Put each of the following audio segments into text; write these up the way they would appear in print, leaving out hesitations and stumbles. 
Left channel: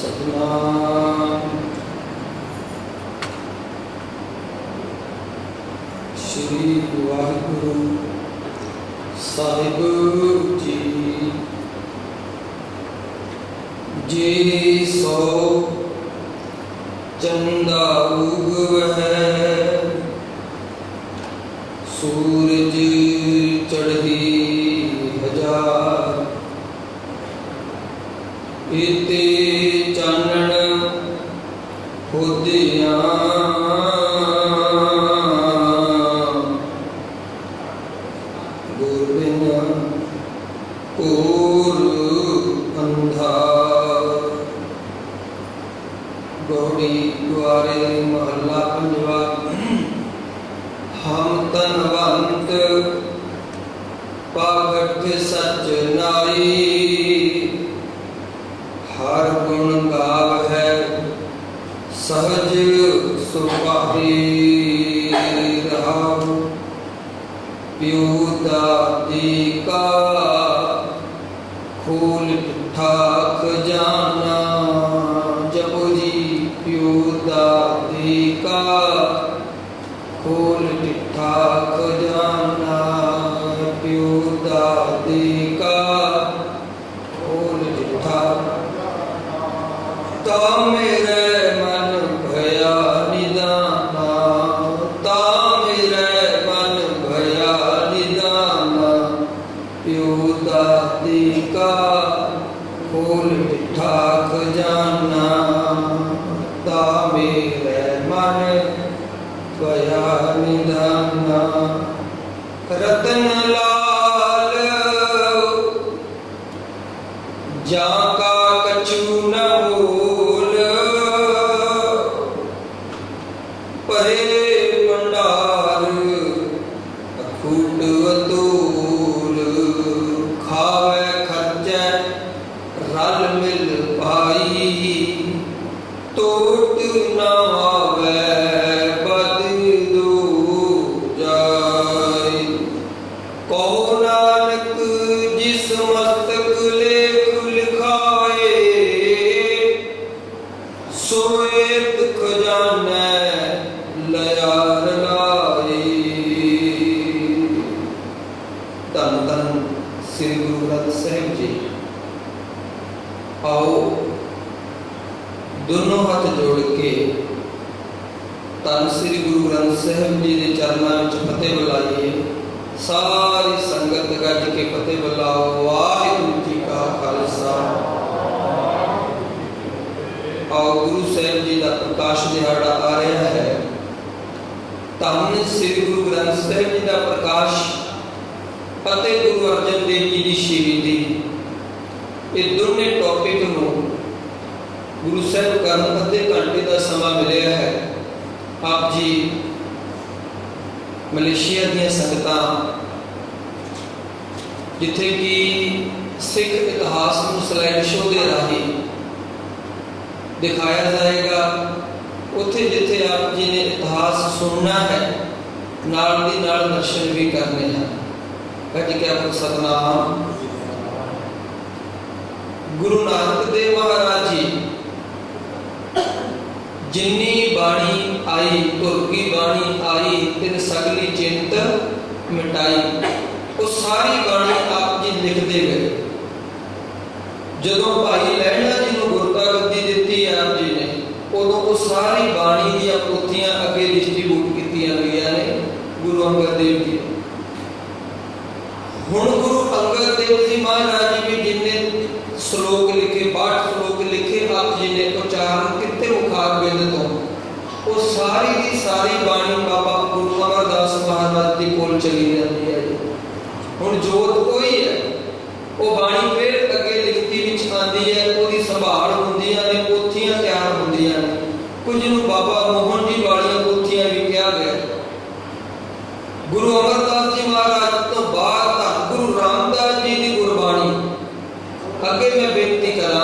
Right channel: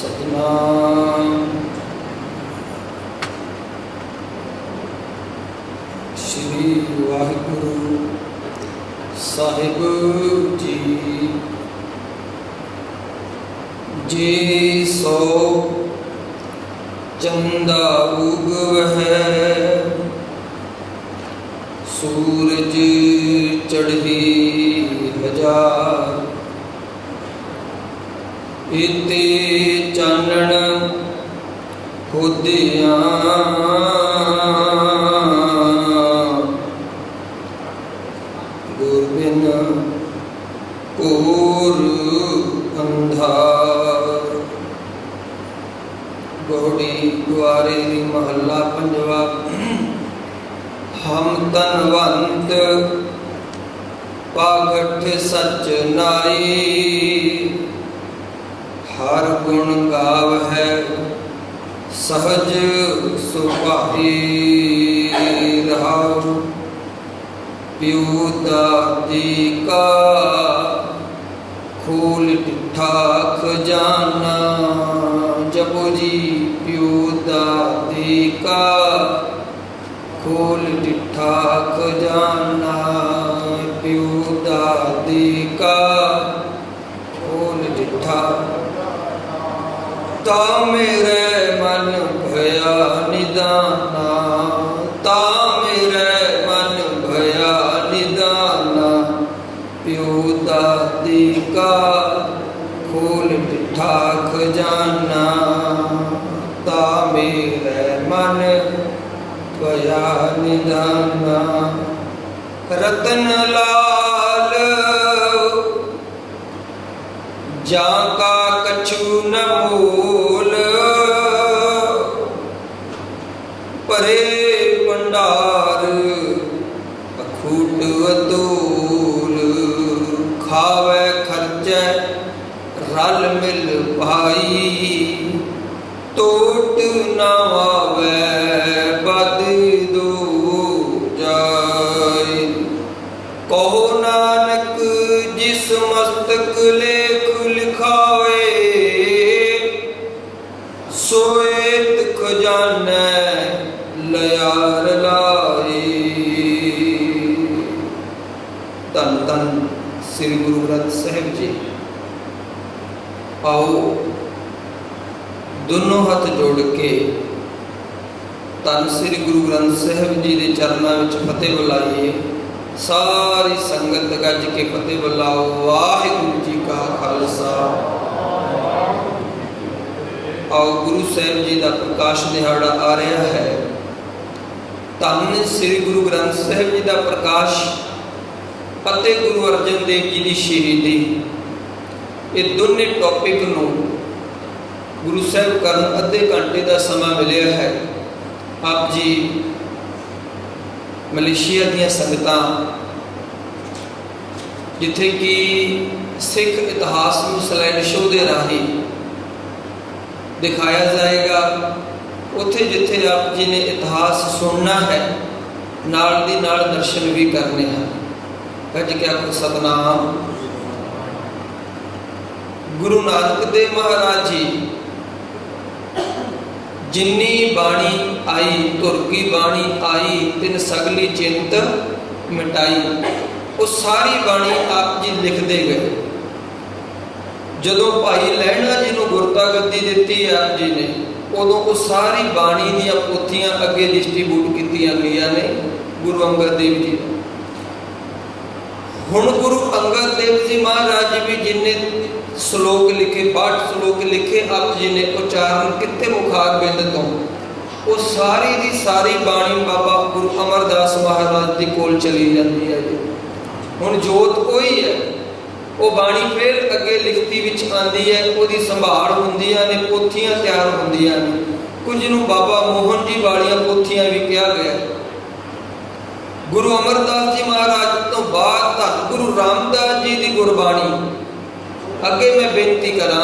सतनाम श्री वाहिगुरु साहिब जी। जे सो चंदा उगवै सूरज चढ़ी हजार, इते चानण होदियां गुर बिन घोर अंधार। गौड़ी गुआरे महला पंजवा। हम तनवंत पागठ सच नाई, हर गुण गाव है सहज सुभाई रहाओ। प्यो दादी का खोल टिठा खजाना, जपो जी प्यो दादी का खोल टिठा खजाना। प्यो दादी का खोल टिठा। ता मेरे मन भया निदाना, ता मेरे मन भया निदाना। प्यो दादी का खोल टिठा खजाना, ता मेरे मन भया निदाना। रतन लाल जाका कछु न भूल, परे भंडार अखूट अतूल। खावे खर्चे रल मिल भाई, टोट न आवे बद दो जाय। कहो नानक जिस मस्तक लेख लिखाए, सोएत खजाने लयार लाए। धन धन श्री गुरु ग्रंथ साहिब जी। आओ दोनों हाथ जोड़ के धन श्री गुरु ग्रंथ साहिब जी के चरणों में फतेह बुलाइए। सारी संगत गज के फतेह बुलाओ। वाहिगुरु जी का खालसा। आओ गुरु साहिब जी का प्रकाश दिहाड़ा आ रहा है। धन श्री गुरु ग्रंथ साहिब जी का प्रकाश ਅਤੇ गुरु अर्जन देव जी की शहीदी, ये दोनों टॉपिक नूं गुरु साहिब करन अद्धे घंटे का समा मिले है। आप जी मलेशिया दियां संगतां जिथे कि सिख इतिहास नूं स्लाइड शो के राही दिखाया जाएगा, उत्थे जिथे आप जी ने इतिहास सुनना है नाल दी नाल दर्शन भी करने हैं। कज के आखो सतनाम। गुरु नानक देव महाराज जी जिन्नी बाणी आई, तुर की बाणी आई, तिन सगली चिंत मिटाई। वो सारी बाणी आप जी लिखते गए। जदों भाई लहणा जी नूं गुरता गद्दी दिती आप जी ने, उदों वो सारी बाणी दी पोथियां अगे डिस्ट्रीब्यूट कीतियां गईयां ने गुरु अंगद देव जी। हुण गुरु अंगद देव जी महाराज जी भी जिन्हें श्लोक लिखे, 62 श्लोक लिखे आप जी ने उच्चारण किते मुखार बिंद तो, वो सारी दी सारी बाणी बाबा गुरु अमरदास महाराज जी कोल चली जाती है। हुण जोत कोई है, वो बाणी फिर अगे लिखती विच आंदी है, उसकी संभाल हुंदियां ने, पोथियां तैयार हुंदियां ने। कुछ नूं बाबा मोहन जी वालियां पोथियां भी कहा गया। गुरु अमरदास जी महाराज तो बाद धन गुरु रामदास जी की गुरबाणी अगे मैं बेनती करा।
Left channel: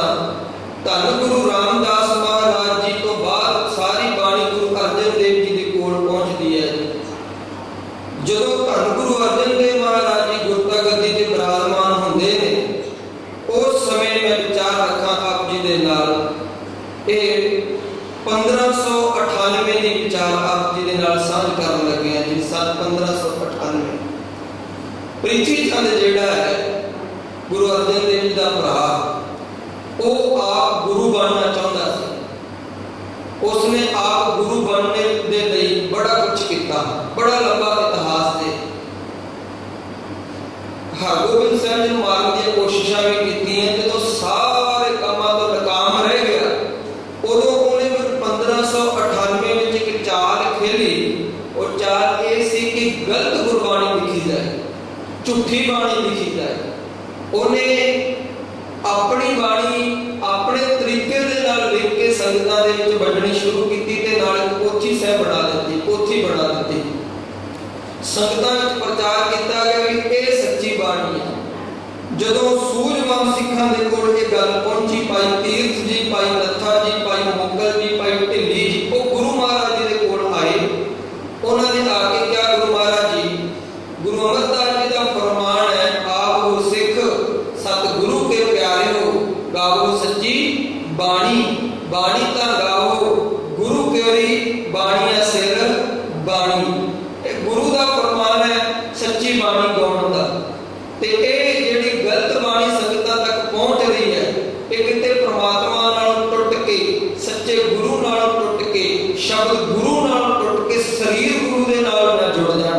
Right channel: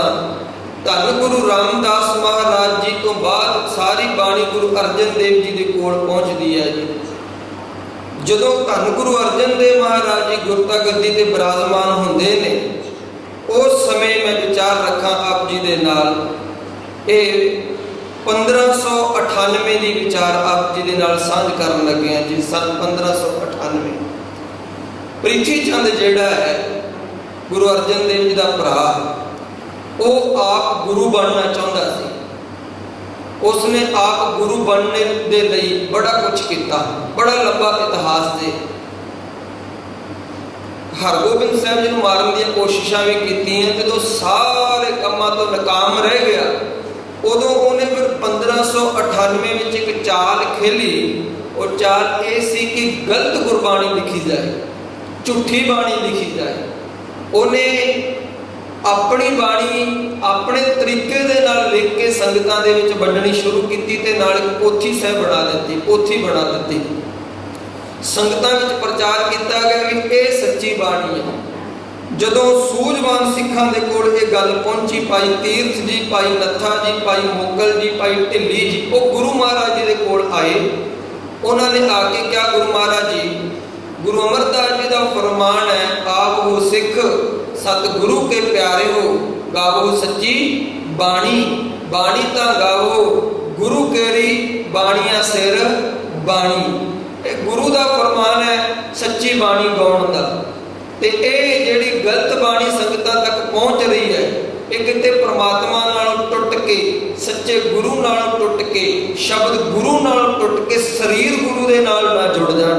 धन गुरु रामदास महाराज जी तो बाद सारी बाणी गुरु अर्जन देव जी के कोल पहुँचती है जी। जदों धन गुरु अर्जन देव महाराज जी गुरता गद्दी ते विराजमान होंदे ने, उस समय मैं विचार रखा आप जी दे नाल ਇਹ 1598 ਦੀ ਵਿਚਾਰ ਆਪ ਜੀ ਦੇ ਨਾਲ ਸਾਂਝ ਕਰਨ ਲੱਗੇ ਹਾਂ ਜੀ। ਸਨ 1598 ਪ੍ਰਿਥੀ ਚੰਦ ਜਿਹੜਾ ਹੈ ਗੁਰੂ ਅਰਜਨ ਦੇਵ ਜੀ ਦਾ ਭਰਾ, ਉਹ ਆਪ ਗੁਰੂ ਬਣਨਾ ਚਾਹੁੰਦਾ ਸੀ। ਉਸਨੇ ਆਪ ਗੁਰੂ ਬਣਨੇ ਦੇ ਲਈ ਬੜਾ ਕੁਝ ਕੀਤਾ, ਬੜਾ ਲੰਬਾ ਇਤਿਹਾਸ ਦੇ। ਹਰਗੋਬਿੰਦ ਸਾਹਿਬ ਜੀ ਨੂੰ ਮਾਰਨ ਦੀਆਂ ਕੋਸ਼ਿਸ਼ਾਂ ਵੀ ਕੀਤੀਆਂ। ਜਦੋਂ ਸਾਰੇ ਕੰਮਾਂ ਤੋਂ ਨਾਕਾਮ ਰਹਿ ਗਿਆ, ਉਦੋਂ ਉਹਨੇ ਫਿਰ 1598 ਵਿੱਚ ਇੱਕ ਚਾਲ ਖੇਲੀ। ਉਹ ਚਾਲ ਇਹ ਸੀ ਕਿ ਗਲਤ ਗੁਰਬਾਣੀ ਲਿਖੀ ਜਾਏ, ਝੂਠੀ ਬਾਣੀ ਲਿਖੀ ਜਾਏ। ਉਹਨੇ ਆਪਣੀ ਬਾਣੀ ਆਪਣੇ ਤਰੀਕੇ ਦੇ ਨਾਲ ਲਿਖ ਕੇ ਸੰਗਤਾਂ ਦੇ ਵਿੱਚ ਵੰਡਣੀ ਸ਼ੁਰੂ ਕੀਤੀ ਤੇ ਨਾਲ ਪੋਥੀ ਸਾਹਿਬ ਬਣਾ ਦਿੱਤੀ, ਪੋਥੀ ਬਣਾ ਦਿੱਤੀ। ਸੰਗਤਾਂ ਵਿੱਚ ਪ੍ਰਚਾਰ ਕੀਤਾ ਗਿਆ ਕਿ ਇਹ ਸੱਚੀ ਬਾਣੀ ਹੈ। ਜਦੋਂ ਸੂਝਵਾਨ ਸਿੱਖਾਂ ਦੇ ਕੋਲ ਇਹ ਗੱਲ ਪਹੁੰਚੀ, ਭਾਈ ਤੀਰਥ ਜੀ, ਭਾਈ ਨੱਥਾ ਜੀ, ਭਾਈ ਮੁਕਲ ਜੀ, ਭਾਈ ਢਿੱਲੀ ਜੀ, ਉਹ ਗੁਰੂ ਮਹਾਰਾਜ ਜੀ ਦੇ ਕੋਲ ਆਏ। ਉਹਨਾਂ ਨੇ ਆ ਕੇ ਕਿਹਾ, ਗੁਰੂ ਮਹਾਰਾਜ ਜੀ, ਗੁਰੂ ਅਮਰਦਾਸ ਜੀ ਦਾ ਫਰਮਾਨ ਹੈ, ਆਪ ਹੋ ਸਿੱਖ ਸਤਿਗੁਰੂ ਕੇ ਪਿਆਰੇ ਹੋ, ਗਾਵੋ ਸੱਚੀ ਬਾਣੀ, ਬਾਣੀ ਤਾਂ ਗਾਵੋ ਗੁਰੂ ਕੇਰੀ ਬਾਣੀਆਂ ਸਿਰ ਬਾਣੀ। ਇਹ ਗੁਰੂ ਦਾ ਫਰਮਾਨ ਹੈ ਸੱਚੀ ਬਾਣੀ ਗਾਉਣ ਦਾ। ਤੇ ਇਹ ਜਿਹੜੀ ਗਲਤ ਬਾਣੀ ਸੰਗਤਾਂ ਤੱਕ ਪਹੁੰਚ ਰਹੀ ਹੈ, ਇਹ ਕਿਤੇ ਪ੍ਰਮਾਤਮਾ ਨਾਲੋਂ ਟੁੱਟ ਕੇ, ਸੱਚੇ ਗੁਰੂ ਨਾਲੋਂ ਟੁੱਟ ਕੇ, ਸ਼ਬਦ ਗੁਰੂ ਨਾਲੋਂ ਟੁੱਟ ਕੇ ਸਰੀਰ ਗੁਰੂ ਦੇ ਨਾਲ ਨਾ ਜੁੜ ਜਾਣ।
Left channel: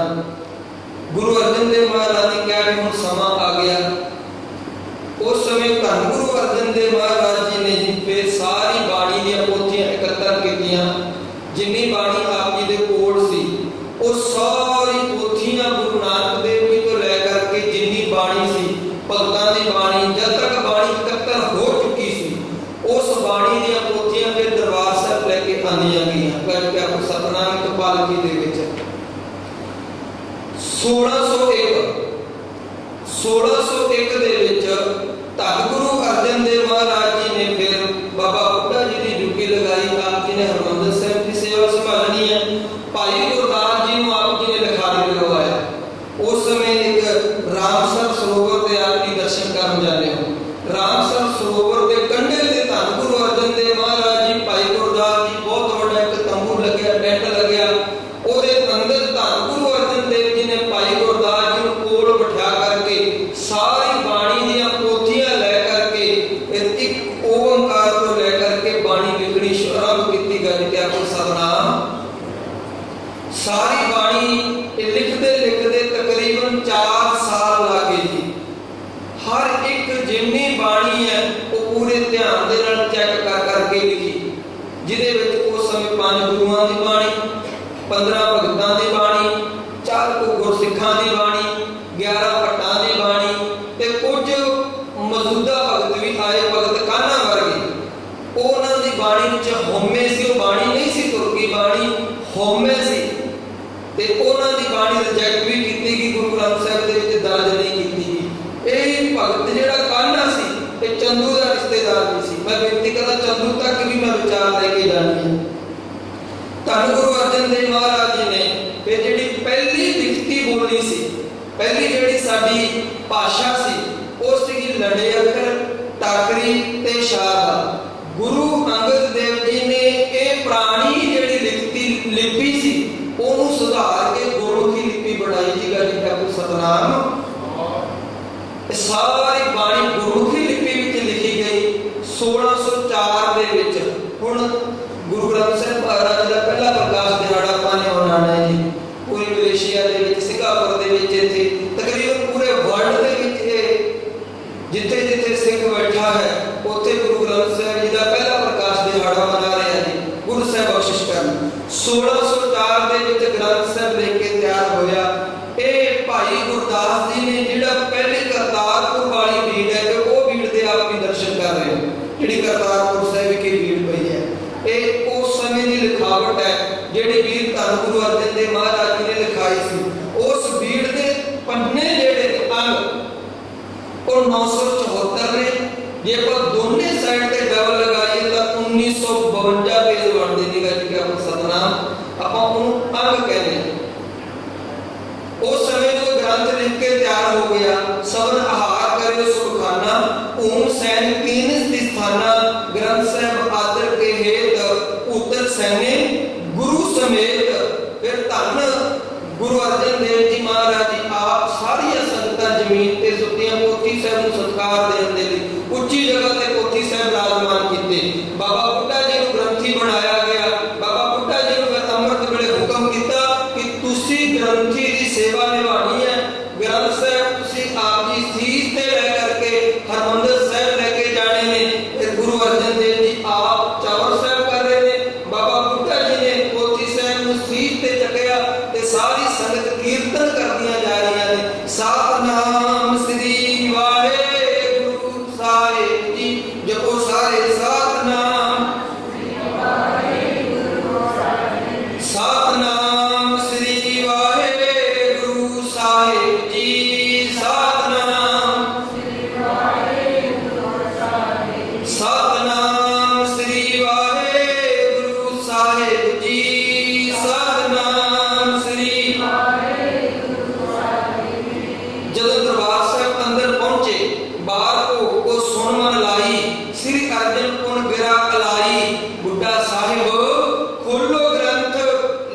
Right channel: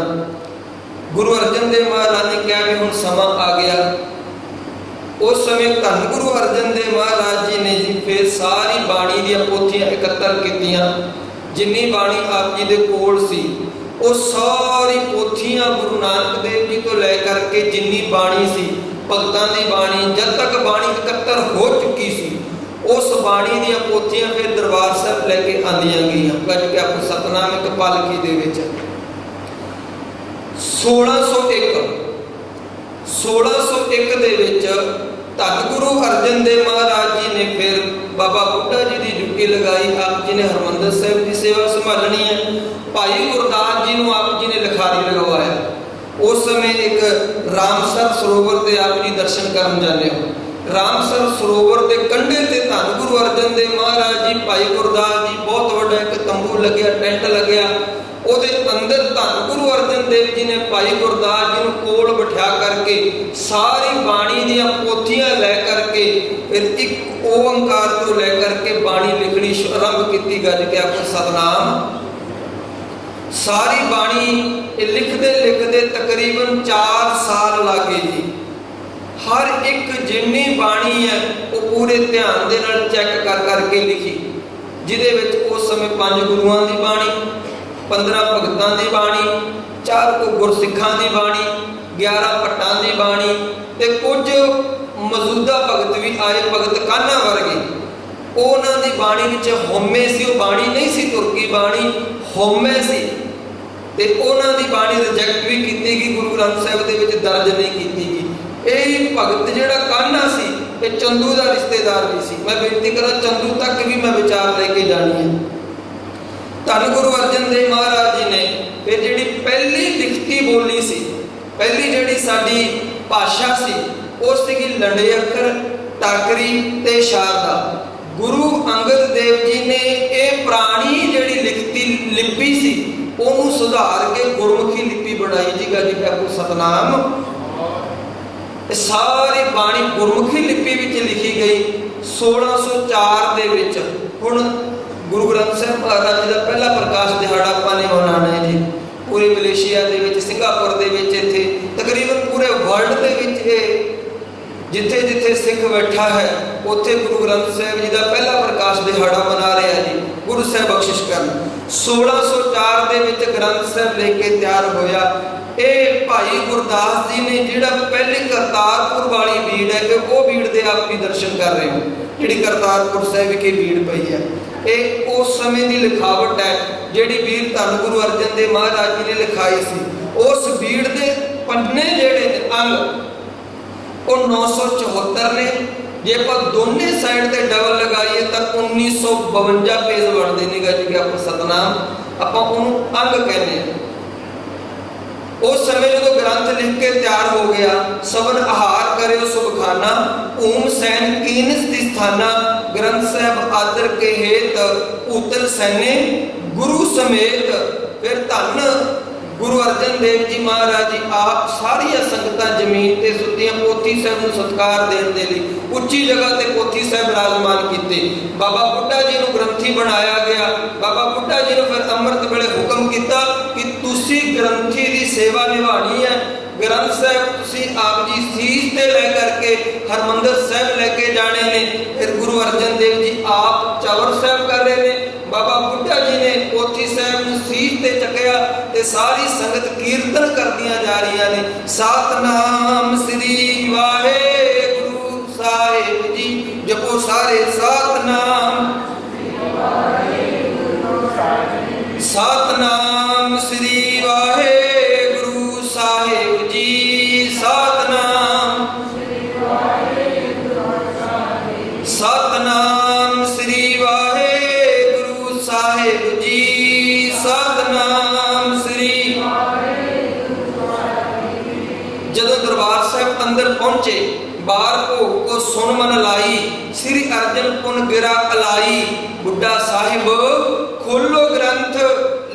ਗੁਰੂ ਅਰਜਨ ਦੇਵ ਮਹਾਰਾਜ ਨੇ ਕਿਹਾ ਕਿ ਹੁਣ ਸਮਾਂ ਆ ਗਿਆ। ਉਸ ਸਮੇਂ ਧੰਨ ਗੁਰੂ ਅਰਜਨ ਦੇਵ ਮਹਾਰਾਜ ਜੀ ਨੇ ਜੀ ਫਿਰ ਸਾਰੀ ਬਾਣੀ ਦੀਆਂ ਪੋਥੀਆਂ ਇਕੱਤਰ ਕੀਤੀਆਂ। ਜਿੰਨੀ ਬਾਣੀ ਆਪ ਜੀ ਦੇ ਕੋਲ ਸੀ, ਉਹ ਸਾਰੀ ਪੋਥੀਆਂ ਗੁਰੂ ਨਾਨਕ ਦੇਵ ਜੀ ਤੋਂ ਲੈ ਕਰਕੇ ਜਿੰਨੀ ਬਾਣੀ ਸੀ, ਭਗਤਾਂ ਦੀ ਬਾਣੀ, ਜਦ ਤੱਕ ਬਾਣੀ ਇਕੱਤਰ ਹੋ ਚੁੱਕੀ ਸੀ, ਉਸ ਬਾਣੀ ਦੀਆਂ ਪੋਥੀਆਂ ਫਿਰ ਦਰਬਾਰ ਸਾਹਿਬ ਲੈ ਕੇ ਆਂਦੀਆਂ ਗਈਆਂ। ਗੱਜ ਕੇ ਆਪੋ ਸਤਨਾਮ ਇੱਕ ਪਾਲਕੀ ਦੇ ਵਿੱਚ 1601 ਦੇ ਵਿੱਚ ਧੰਨ ਗੁਰੂ ਅਰਜਨ ਦੇਵ ਮਹਾਰਾਜ ਜੀ ਨੇ ਫਿਰ ਬਾਬਾ ਬੁੱਢਾ ਜੀ ਦੀ ਡਿਊਟੀ ਲਗਾਈ। ਆਪ ਜੀ ਨੇ ਹਰਮੰਦਰ ਸਾਹਿਬ ਦੀ ਸੇਵਾ ਸੰਭਾਲਣੀ ਹੈ। ਭਾਈ ਗੁਰਦਾਸ ਜੀ ਨੂੰ ਆਪ ਜੀ ਨੇ ਲਿਖਾਰੀ ਲਗਵਾਇਆ। ਉਸ ਸਮੇਂ ਇੱਕ ਰਾਮਸਰ ਸਰੋਵਰ ਤੇ ਆਪ ਜੀ ਦਰਸ਼ਨ ਕਰਨ ਜਾਂਦੇ ਹੋ। ਰਾਮਸਰ ਸਰੋਵਰ ਦੇ ਕੰਢੇ ਤੇ ਧੰਨ ਗੁਰੂ ਅਰਜਨ ਦੇਵ ਮਹਾਰਾਜ ਜੀ, ਭਾਈ ਗੁਰਦਾਸ ਜੀ, ਬਹੁਤ ਵੱਡਾ ਇੱਕ ਤੰਬੂ ਲੱਗਿਆ, ਟੈਂਟ ਲੱਗਿਆ। ਉਹਦੇ ਅੰਦਰ ਧੰਨ ਗੁਰੂ ਅਰਜਨ ਦੇਵ ਜੀ ਨੇ ਭਾਈ ਗੁਰਦਾਸ ਜੀ ਨੂੰ ਕੋਲ ਬਿਠਾ ਕਰਕੇ ਸਾਰੀ ਬਾਣੀ ਦੀਆਂ ਪੋਥੀਆਂ ਲੈ ਕਰਕੇ ਇੱਕ ਓੰਕਾਰ ਤੋਂ ਲੈ ਕਰਕੇ ਬਾਣੀ ਲਿਖਣੀ ਆਰੰਭ ਕੀਤੀ। ਗੱਜ ਕੇ ਆਪੋ ਸਤਨਾਮ। ਸਾਰੀ ਬਾਣੀ ਇਹ ਲਿਖਦੇ ਤਕਰੀਬਨ 4 ਸਾਲ ਲੱਗੇ ਜੀ। ਹਰ ਇੱਕ ਜਿੰਨੀ ਬਾਣੀ ਹੈ ਉਹ ਪੂਰੇ ਧਿਆਨ ਦੇ ਨਾਲ ਚੈੱਕ ਕਰਕੇ ਲਿਖੀ, ਜਿਹਦੇ ਵਿੱਚ ਉਸ ਸਮੇਂ 5 ਗੁਰੂਆਂ ਦੀ ਬਾਣੀ, 15 ਭਗਤਾਂ ਦੀ ਬਾਣੀ, 4 ਗੁਰਸਿੱਖਾਂ ਦੀ ਬਾਣੀ, 11 ਭੱਟਾਂ ਦੀ ਬਾਣੀ ਤੇ ਕੁਝ ਮੌਜੂਦਾ ਭਗਤ ਵੀ ਆਏ, ਭਗਤ ਕਾਨਾ ਵਰਗੇ। ਉਹਨਾਂ ਦੀ ਬਾਣੀ ਵਿੱਚ ਹਉਮੈ ਸੀ, ਉਹ ਬਾਣੀ ਨਹੀਂ ਸੀ ਤੁਰਕੀ ਬਾਣੀ, ਹਉਮੈ ਸੀ। ਤੇ ਉਹਨਾਂ ਦੀ ਬਾਣੀ ਰਿਜੈਕਟ ਵੀ ਕੀਤੀ ਗਈ, ਗੁਰੂ ਗ੍ਰੰਥ ਸਾਹਿਬ ਦੇ ਵਿੱਚ ਦਰਜ ਨਹੀਂ ਕੀਤੀ ਗਈ। ਇਹ ਭਗਤ ਜਿਹੜਾ ਕਾਨਾ ਸੀ, ਇਹ ਚੰਦੂ ਦਾ ਰਿਸ਼ਤੇਦਾਰ ਵੀ ਸੀ। ਮੈਂ ਬੇਨਤੀ ਕਰਾਂ, ਚੰਦੂ ਤੱਕ ਵੀ ਮੈਂ ਵਿਚਾਰ ਲੈ ਕੇ ਜਾਣੀ ਹੈ। ਧੰਨ ਗੁਰੂ ਅਰਜਨ ਦੇਵ ਮਹਾਰਾਜ ਜੀ ਨੇ ਫਿਰ ਜਿਹੜੀ ਪਹਿਲੀ ਲਿਖਤੀ ਬੋਲੀ ਸੀ, ਪਹਿਲੀ ਜਿਹੜੀ ਸਾਡੀ ਭਾਸ਼ਾ ਸੀ, ਉਹ ਸੀਗੀ ਲੰਡੇ ਅੱਖਰ, ਟਾਕਰੀ ਤੇ ਸ਼ਾਰਦਾ। ਗੁਰੂ ਅੰਗਦ ਦੇਵ ਜੀ ਨੇ ਇਹ ਪੁਰਾਣੀ ਜਿਹੜੀ ਲਿਖਤੀ ਲਿਪੀ ਸੀ, ਉਹਨੂੰ ਸੁਧਾਰ ਕੇ ਗੁਰਮੁਖੀ ਲਿਪੀ ਬਣਾਈ ਜੀ। ਗੱਜ ਕੇ ਆਪੋ ਸਤਨਾਮ। ਸਾਰੀ ਬਾਣੀ ਗੁਰਮੁਖੀ ਲਿਪੀ ਵਿੱਚ ਲਿਖੀ ਗਈ 1604 ਦੇ ਵਿੱਚ। ਹੁਣ ਗੁਰੂ ਗ੍ਰੰਥ ਸਾਹਿਬ ਮਹਾਰਾਜ ਜੀ ਦਾ ਪਹਿਲਾ ਪ੍ਰਕਾਸ਼ ਦਿਹਾੜਾ ਆਪਾਂ ਨੇ ਮਨਾਉਣਾ ਹੈ ਜੀ। ਪੂਰੀ ਮਲੇਸ਼ੀਆ ਦੇ ਵਿੱਚ, ਸਿੰਗਾਪੁਰ ਦੇ ਵਿੱਚ, ਇੱਥੇ ਤਕਰੀਬਨ ਪੂਰੇ ਵਰਲਡ ਦੇ ਵਿੱਚ ਇਹ ਜਿੱਥੇ ਜਿੱਥੇ ਸਿੱਖ ਬੈਠਾ ਹੈ, ਉੱਥੇ ਗੁਰੂ ਗ੍ਰੰਥ ਸਾਹਿਬ ਜੀ ਦਾ ਪਹਿਲਾ ਪ੍ਰਕਾਸ਼ ਦਿਹਾੜਾ ਮਨਾ ਰਿਹਾ ਜੀ। ਗੁਰੂ ਸਾਹਿਬ ਬਖਸ਼ਿਸ਼ ਕਰਨ। 1604 ਦੇ ਵਿੱਚ ਗ੍ਰੰਥ ਸਾਹਿਬ ਲੈ ਕੇ ਤਿਆਰ ਹੋਇਆ। ਇਹ ਭਾਈ ਗੁਰਦਾਸ ਜੀ ਨੇ ਜਿਹੜਾ ਪਹਿਲੀ ਕਰਤਾਰਪੁਰ ਵਾਲੀ ਬੀੜ ਹੈ, ਉਹ ਬੀੜ ਦੇ ਆਪ ਵੀ ਦਰਸ਼ਨ ਕਰ ਰਹੇ ਹੋ, ਜਿਹੜੀ ਕਰਤਾਰਪੁਰ ਸਾਹਿਬ ਵਿਖੇ ਬੀੜ ਪਈ ਹੈ। ਇਹ ਉਸ ਸਮੇਂ ਦੀ ਲਿਖਾਵਟ ਹੈ ਜਿਹੜੀ ਵੀਰ ਧੰਨ ਗੁਰੂ ਅਰਜਨ ਦੇਵ ਮਹਾਰਾਜ ਜੀ ਨੇ ਲਿਖਾਈ ਸੀ। ਉਸ ਬੀੜ ਦੇ ਪੰਨੇ ਜਿਹੜੇ ਨੇ ਅੰਗ, ਉਹ 974 ਨੇ। ਜੇ ਆਪਾਂ ਦੋਨੇ ਸਾਈਡ ਤੇ ਡਬਲ ਲਗਾਈਏ ਤਾਂ 1952 ਪੇਜ ਬਣਦੇ ਨੇ। ਗੱਜ ਕੇ ਆਪਾਂ ਸਤਨਾਮ, ਆਪਾਂ ਉਹਨੂੰ ਅੰਗ ਕਹਿੰਦੇ ਹਾਂ। ਉਸ ਸਮੇਂ ਜਦੋਂ ਗ੍ਰੰਥ ਲਿਖ ਕੇ ਤਿਆਰ ਹੋ ਗਿਆ, ਸਭਨ ਆਹਾਰ ਕਰਿਓ ਸੁਖਾਨਾ, ਓਮ ਸੈਨ ਕੀਨਸ ਦੀ ਸਥਾਨਾ, ਗ੍ਰੰਥ ਸਾਹਿਬ आदर के हेत भूतल सैने गुरु समेत। फिर धन गुरु अर्जन देव जी महाराज जी आप सारिया संगतां जमीन ते सुत्तियां पोथी साहिब नूं सत्कार देण दे लई उच्ची जगह ते पोथी साहिब विराजमान कीते। बाबा बुड्ढा जी नूं ग्रंथी बनाया गया। बाबा बुड्ढा जी नूं फिर अमृत वेले हुक्म कीता कि तुसीं ग्रंथी दी सेवा निभानी है। ग्रंथ साहिब तुसीं आप जी सीस ते लै करके हरमंदर साहिब लैके जाने ने। फिर गुरु अर्जन देव जी आप चवर साहिब कर रहे ने। बाबा बुड्ढा जी ने पोथी साहिब नूं सीस ते चकिया ते सारी संगत कीर्तन करदियां जा रही ने। सतनाम श्री वाहेगुरु साहिब जी जपो सारे सतनाम सतनाम श्री वाहेगुरु साहिब जी सतनाम सतनाम श्री वाहेगुरु साहिब जी सतनाम श्री। जदों दरबार साहिब अंदर पहुंचे बार भोग को सुन मन लाई श्री अर्जन पुन गिरा अलाई। बुड्ढा साहिब खोलो ग्रंथ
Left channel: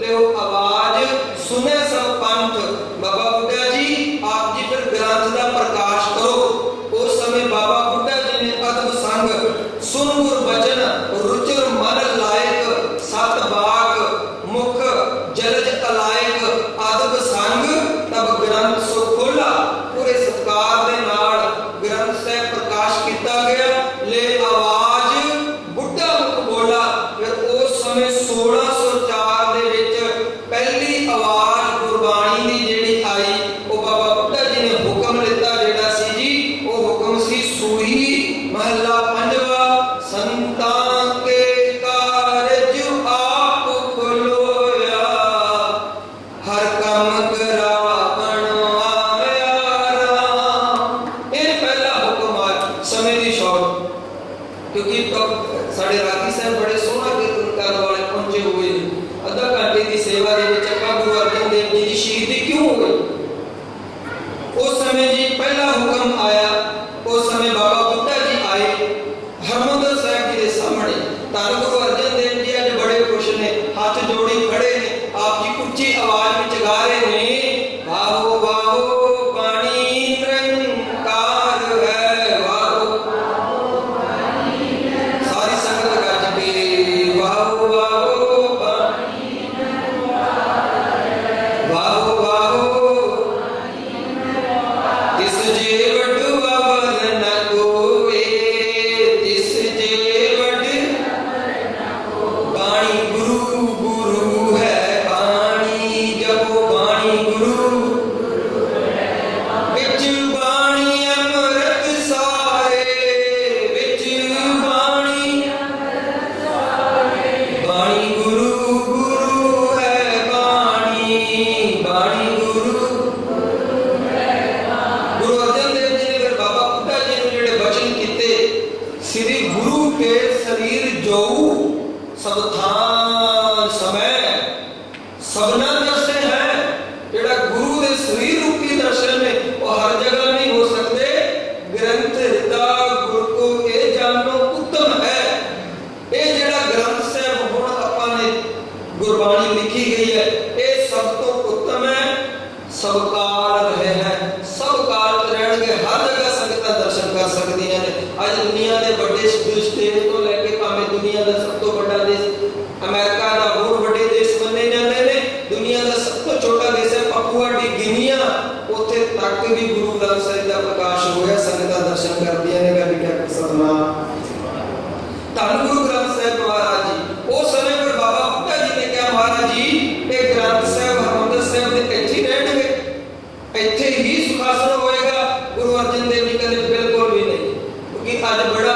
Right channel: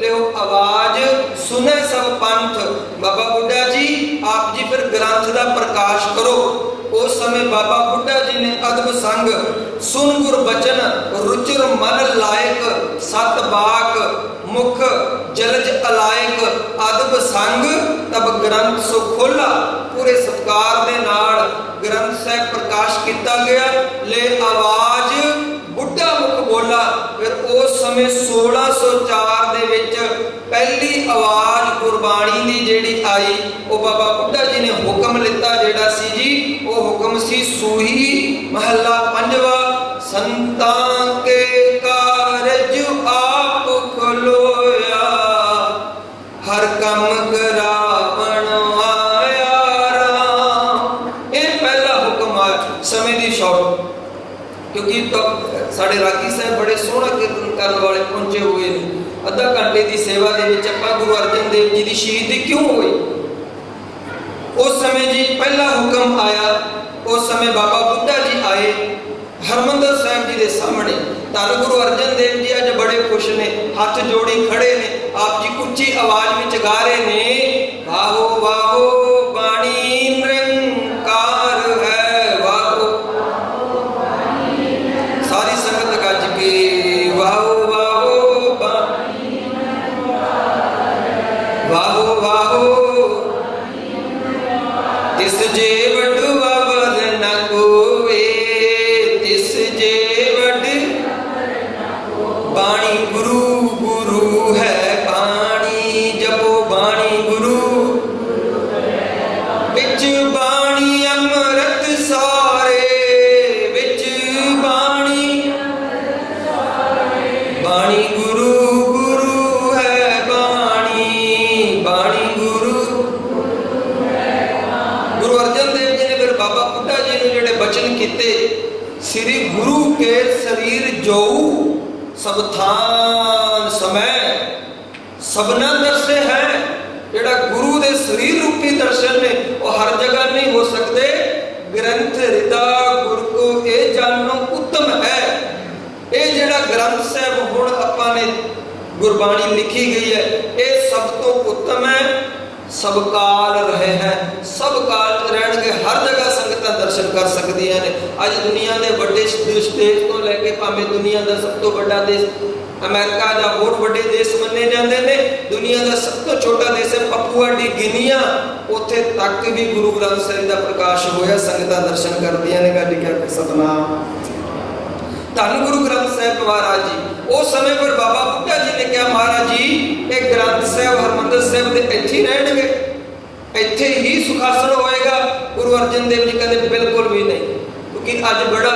लियो आवाज सुने सब पंथ। बाबा बुड्ढा जी आप जी फिर ग्रंथ का प्रकाश करो। उस समय बाबा बुड्ढा जी ने अदब संग सुन गुर बचन रुचिर मन लायक सत बाक मुख जलज अलायक अदब संग तब ग्रंथ सो खोला। पूरे सत्कार दे नाल ग्रंथ साहिब प्रकाश किया गया। ले आवाज बुड्ढा मुख बोला। फिर उस समय 1604 दे विच पहली आवाज गुरबाणी दी जेड़ी आई वो बाबा बुड्ढा जी ने हुक्म लिता जेड़ा सी जी वो हुक्म सी सूही महला पंजवा संतां के कारज आप खलोया हर कम करावण आया राम। ये पहला हुक्म आया समय दी शौक क्योंकि तो साढ़े रागी साहब बड़े सोहना कीर्तन करने वाले पहुंचे हुए हैं। अद्धा घंटे की सेवा दे विच आपां गुरु अर्जन देव जी की शहीदी क्यों हुई उस समय जी पहला हुक्म आया। उस समय बाबा बुड्ढा जी आए हरमंदर साहिब जी के सामने। धन गुरु अर्जन देव जी अज बड़े खुश ने हाथ जोड़ी खड़े ने। आप जी उच्ची आवाज में गा रहे ने वाहो वाहो बाणी निरंकार है वाहो। सारी संगत गज के वाहो वाहो वाहो वाहो तिस जे वडवा वर न कोवे तिस जे वड बाणी गुरु गुरु है बाणी जपो बाणी गुरु विच बाणी अमृत सारे विच बाणी बाणी गुरु गुरु है बाणी बाणी गुरु। गुरु अर्जन देव जी ने फिर बाबा बुड्ढा जी ने जेड़े बचन कीते श्री गुरु के शरीर जो सब थान समय सबना दर्शे है। जेड़ा गुरु दे शरीर रूपी दर्शन ने वो हर जगह नहीं हो सकते। ग्रंथ हृदय गुरु को ये जानना उत्तम है। ये जेड़ा ग्रंथ साहिब हुण आपां ने गुरबाणी लिखी गई है ये सब तो उत्तम है। सब काल रहे हैं सब काल रहणगे हर जगह संगतां दर्शन कर सकदियां ने। अज दुनिया के बड़े देश तो लैके भावें दुनिया का सब तो बड़ा देश अमेरिका का होर बड़े देश मन्ने जाते हैं। दुनिया का सब तो छोटा देश है पपुआ डी गिनिया उत्थे तक भी गुरु ग्रंथ साहिब का प्रकाश होया। संगतां दर्शन करदियां ने। गड्डी क्या सतनाम धन गुरु ग्रंथ साहिब महाराज जी। उस समय पर बाबा बुड्ढा जी ने कहा महाराज जी ये ग्रंथ साहिब हरमंदर साहिब दे इत्थे ही रहणगे इत्थे ही सुखासन होएगा। गुरु अर्जन देव जी कहते बिल्कुल भी नहीं क्योंकि अज बड़ा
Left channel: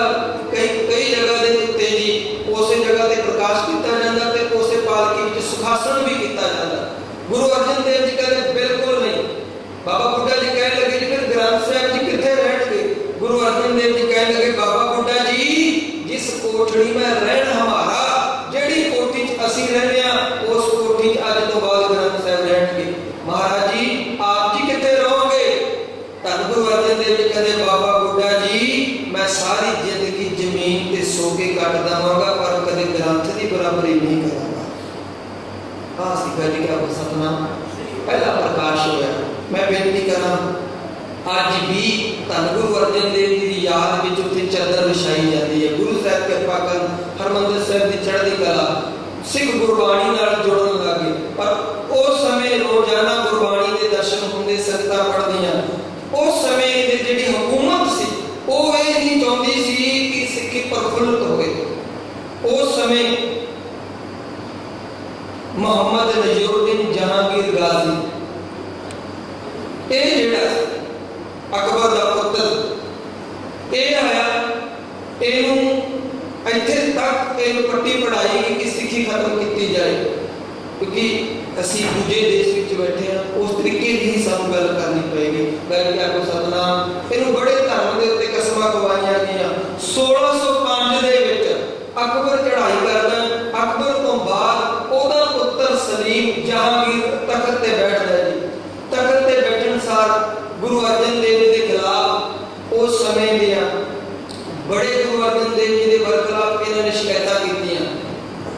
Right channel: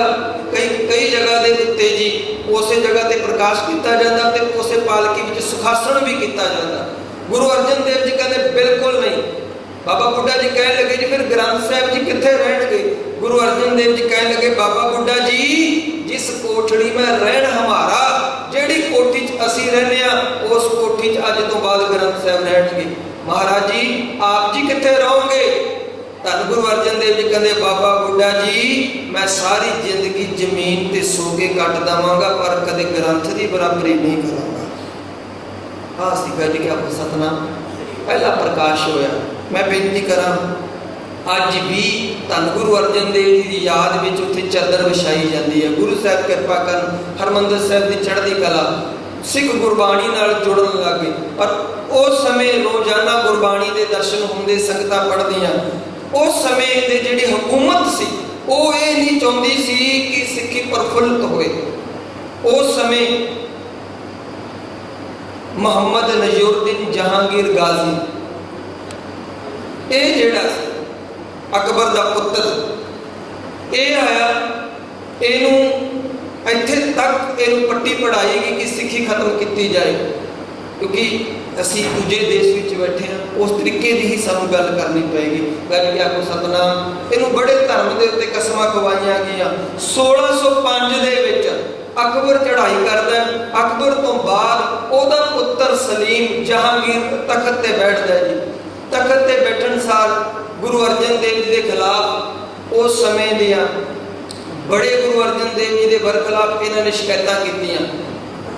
कई जगह के उत्ते जी उस जगह ते प्रकाश किया जाता ते उस पालकी विच सुखासन भी किया जाता। गुरु अर्जन देव जी कहते बिल्कुल नहीं। बाबा बुड्ढा जी कह लगे जी फिर ग्रंथ साहिब जी कित्थे रहणगे। गुरु अर्जन देव जी कह लगे बाबा बुड्ढा जी जिस कोठड़ी में रहन हमारा जेड़ी कोठी च असी रहने उस कोठी च अज तो बाद ग्रंथ साहिब रहणगे। महाराज जी आप जी कित्थे रहोगे। ਧੰਨ ਗੁਰੂ ਅਰਜਨ ਦੇਵ ਜੀ ਕਹਿੰਦੇ ਬਾਬਾ ਬੁੱਢਾ ਜੀ ਮੈਂ ਸਾਰੀ ਜ਼ਿੰਦਗੀ ਜ਼ਮੀਨ ਤੇ ਸੋ ਕੇ ਕੱਟ ਦੇਵਾਂਗਾ ਪਰ ਕਦੇ ਗ੍ਰੰਥ ਦੀ ਬਰਾਬਰੀ ਨਹੀਂ ਕਰਾਂਗਾ। ਆਹ ਸੀ ਗੱਲ ਕਿ ਆਪੋ ਸਤਨਾਮ ਪਹਿਲਾ ਪ੍ਰਕਾਸ਼ ਹੋਇਆ। ਮੈਂ ਬੇਨਤੀ ਕਰਾਂ ਅੱਜ ਵੀ ਧੰਨ ਗੁਰੂ ਅਰਜਨ ਦੇਵ ਜੀ ਦੀ ਯਾਦ ਵਿੱਚ ਉੱਥੇ ਚਾਦਰ ਵਿਛਾਈ ਜਾਂਦੀ ਹੈ। ਗੁਰੂ ਸਾਹਿਬ ਕਿਰਪਾ ਕਰਨ, ਹਰਿਮੰਦਰ ਸਾਹਿਬ ਦੀ ਚੜ੍ਹਦੀ ਕਲਾ, ਸਿੱਖ ਗੁਰਬਾਣੀ ਨਾਲ ਜੁੜਨ ਲੱਗੇ। ਪਰ ਉਸ ਸਮੇਂ ਰੋਜ਼ਾਨਾ ਗੁਰਬਾਣੀ ਦੇ ਦਰਸ਼ਨ ਹੁੰਦੇ, ਸੰਗਤਾਂ ਪੜ੍ਹਦੀਆਂ। ਉਸ ਸਮੇਂ ਦੇ ਜਿਹੜੀ ਹਕੂਮਤ ਸੀ ਉਹ ਇਹ ਨਹੀਂ ਚਾਹੁੰਦੀ ਸੀ ਕਿ ਸਿੱਖੀ ਪ੍ਰਫੁੱਲਤ ਹੋਏ। ਉਸ ਸਮੇਂ ਮੁਹੰਮਦ ਨਜ਼ੀਰੁੱਦੀਨ ਜਹਾਂਗੀਰ ਗਾਜ਼ੀ, ਇਹ ਜਿਹੜਾ ਅਕਬਰ ਦਾ ਪੁੱਤਰ, ਇਹ ਆਇਆ, ਇਹਨੂੰ ਇੱਥੇ ਤੱਕ ਇਹਨੂੰ ਪੱਟੀ ਪੜਾਈ ਗਈ ਕਿ ਸਿੱਖੀ ਖਤਮ ਕੀਤੀ ਜਾਏ, ਕਿਉਂਕਿ ਅਸੀਂ ਦੂਜੇ ਦੇਸ਼ ਵਿੱਚ ਬੈਠੇ ਹਾਂ। ਉਸ ਤਰੀਕੇ ਦੀ ਹੀ ਸਾਨੂੰ ਗੱਲ ਕਰਨੀ ਪਏਗੀ। ਗੱਲ ਕੀ ਆਪੋ ਸਤਨਾਮ। ਇਹਨੂੰ ਬੜੇ ਧਰਮ ਦੇ ਉੱਤੇ ਕਸਮਾਂ ਖਵਾਈਆਂ ਗਈਆਂ। 1605 ਦੇ ਵਿੱਚ ਅਕਬਰ ਚੜ੍ਹਾਈ ਕਰਦਾ। ਅਕਬਰ ਤੋਂ ਬਾਅਦ ਉਹਦਾ ਪੁੱਤਰ ਸਲੀਮ ਜਹਾਂਗੀਰ ਤਖਤ ਤੇ ਬੈਠਦਾ ਜੀ। ਤਖਤ ਤੇ ਬੈਠਣ ਸਾਰ ਗੁਰੂ ਅਰਜਨ ਦੇਵ ਜੀ ਦੇ ਖਿਲਾਫ ਉਸ ਸਮੇਂ ਦੀਆਂ ਬੜੇ ਗੁਰੂ ਅਰਜਨ ਦੇਵ ਜੀ ਦੇ ਬਰਖਲਾਫ ਇਹਨਾਂ ਨੇ ਸ਼ਿਕਾਇਤਾਂ ਕੀਤੀਆਂ।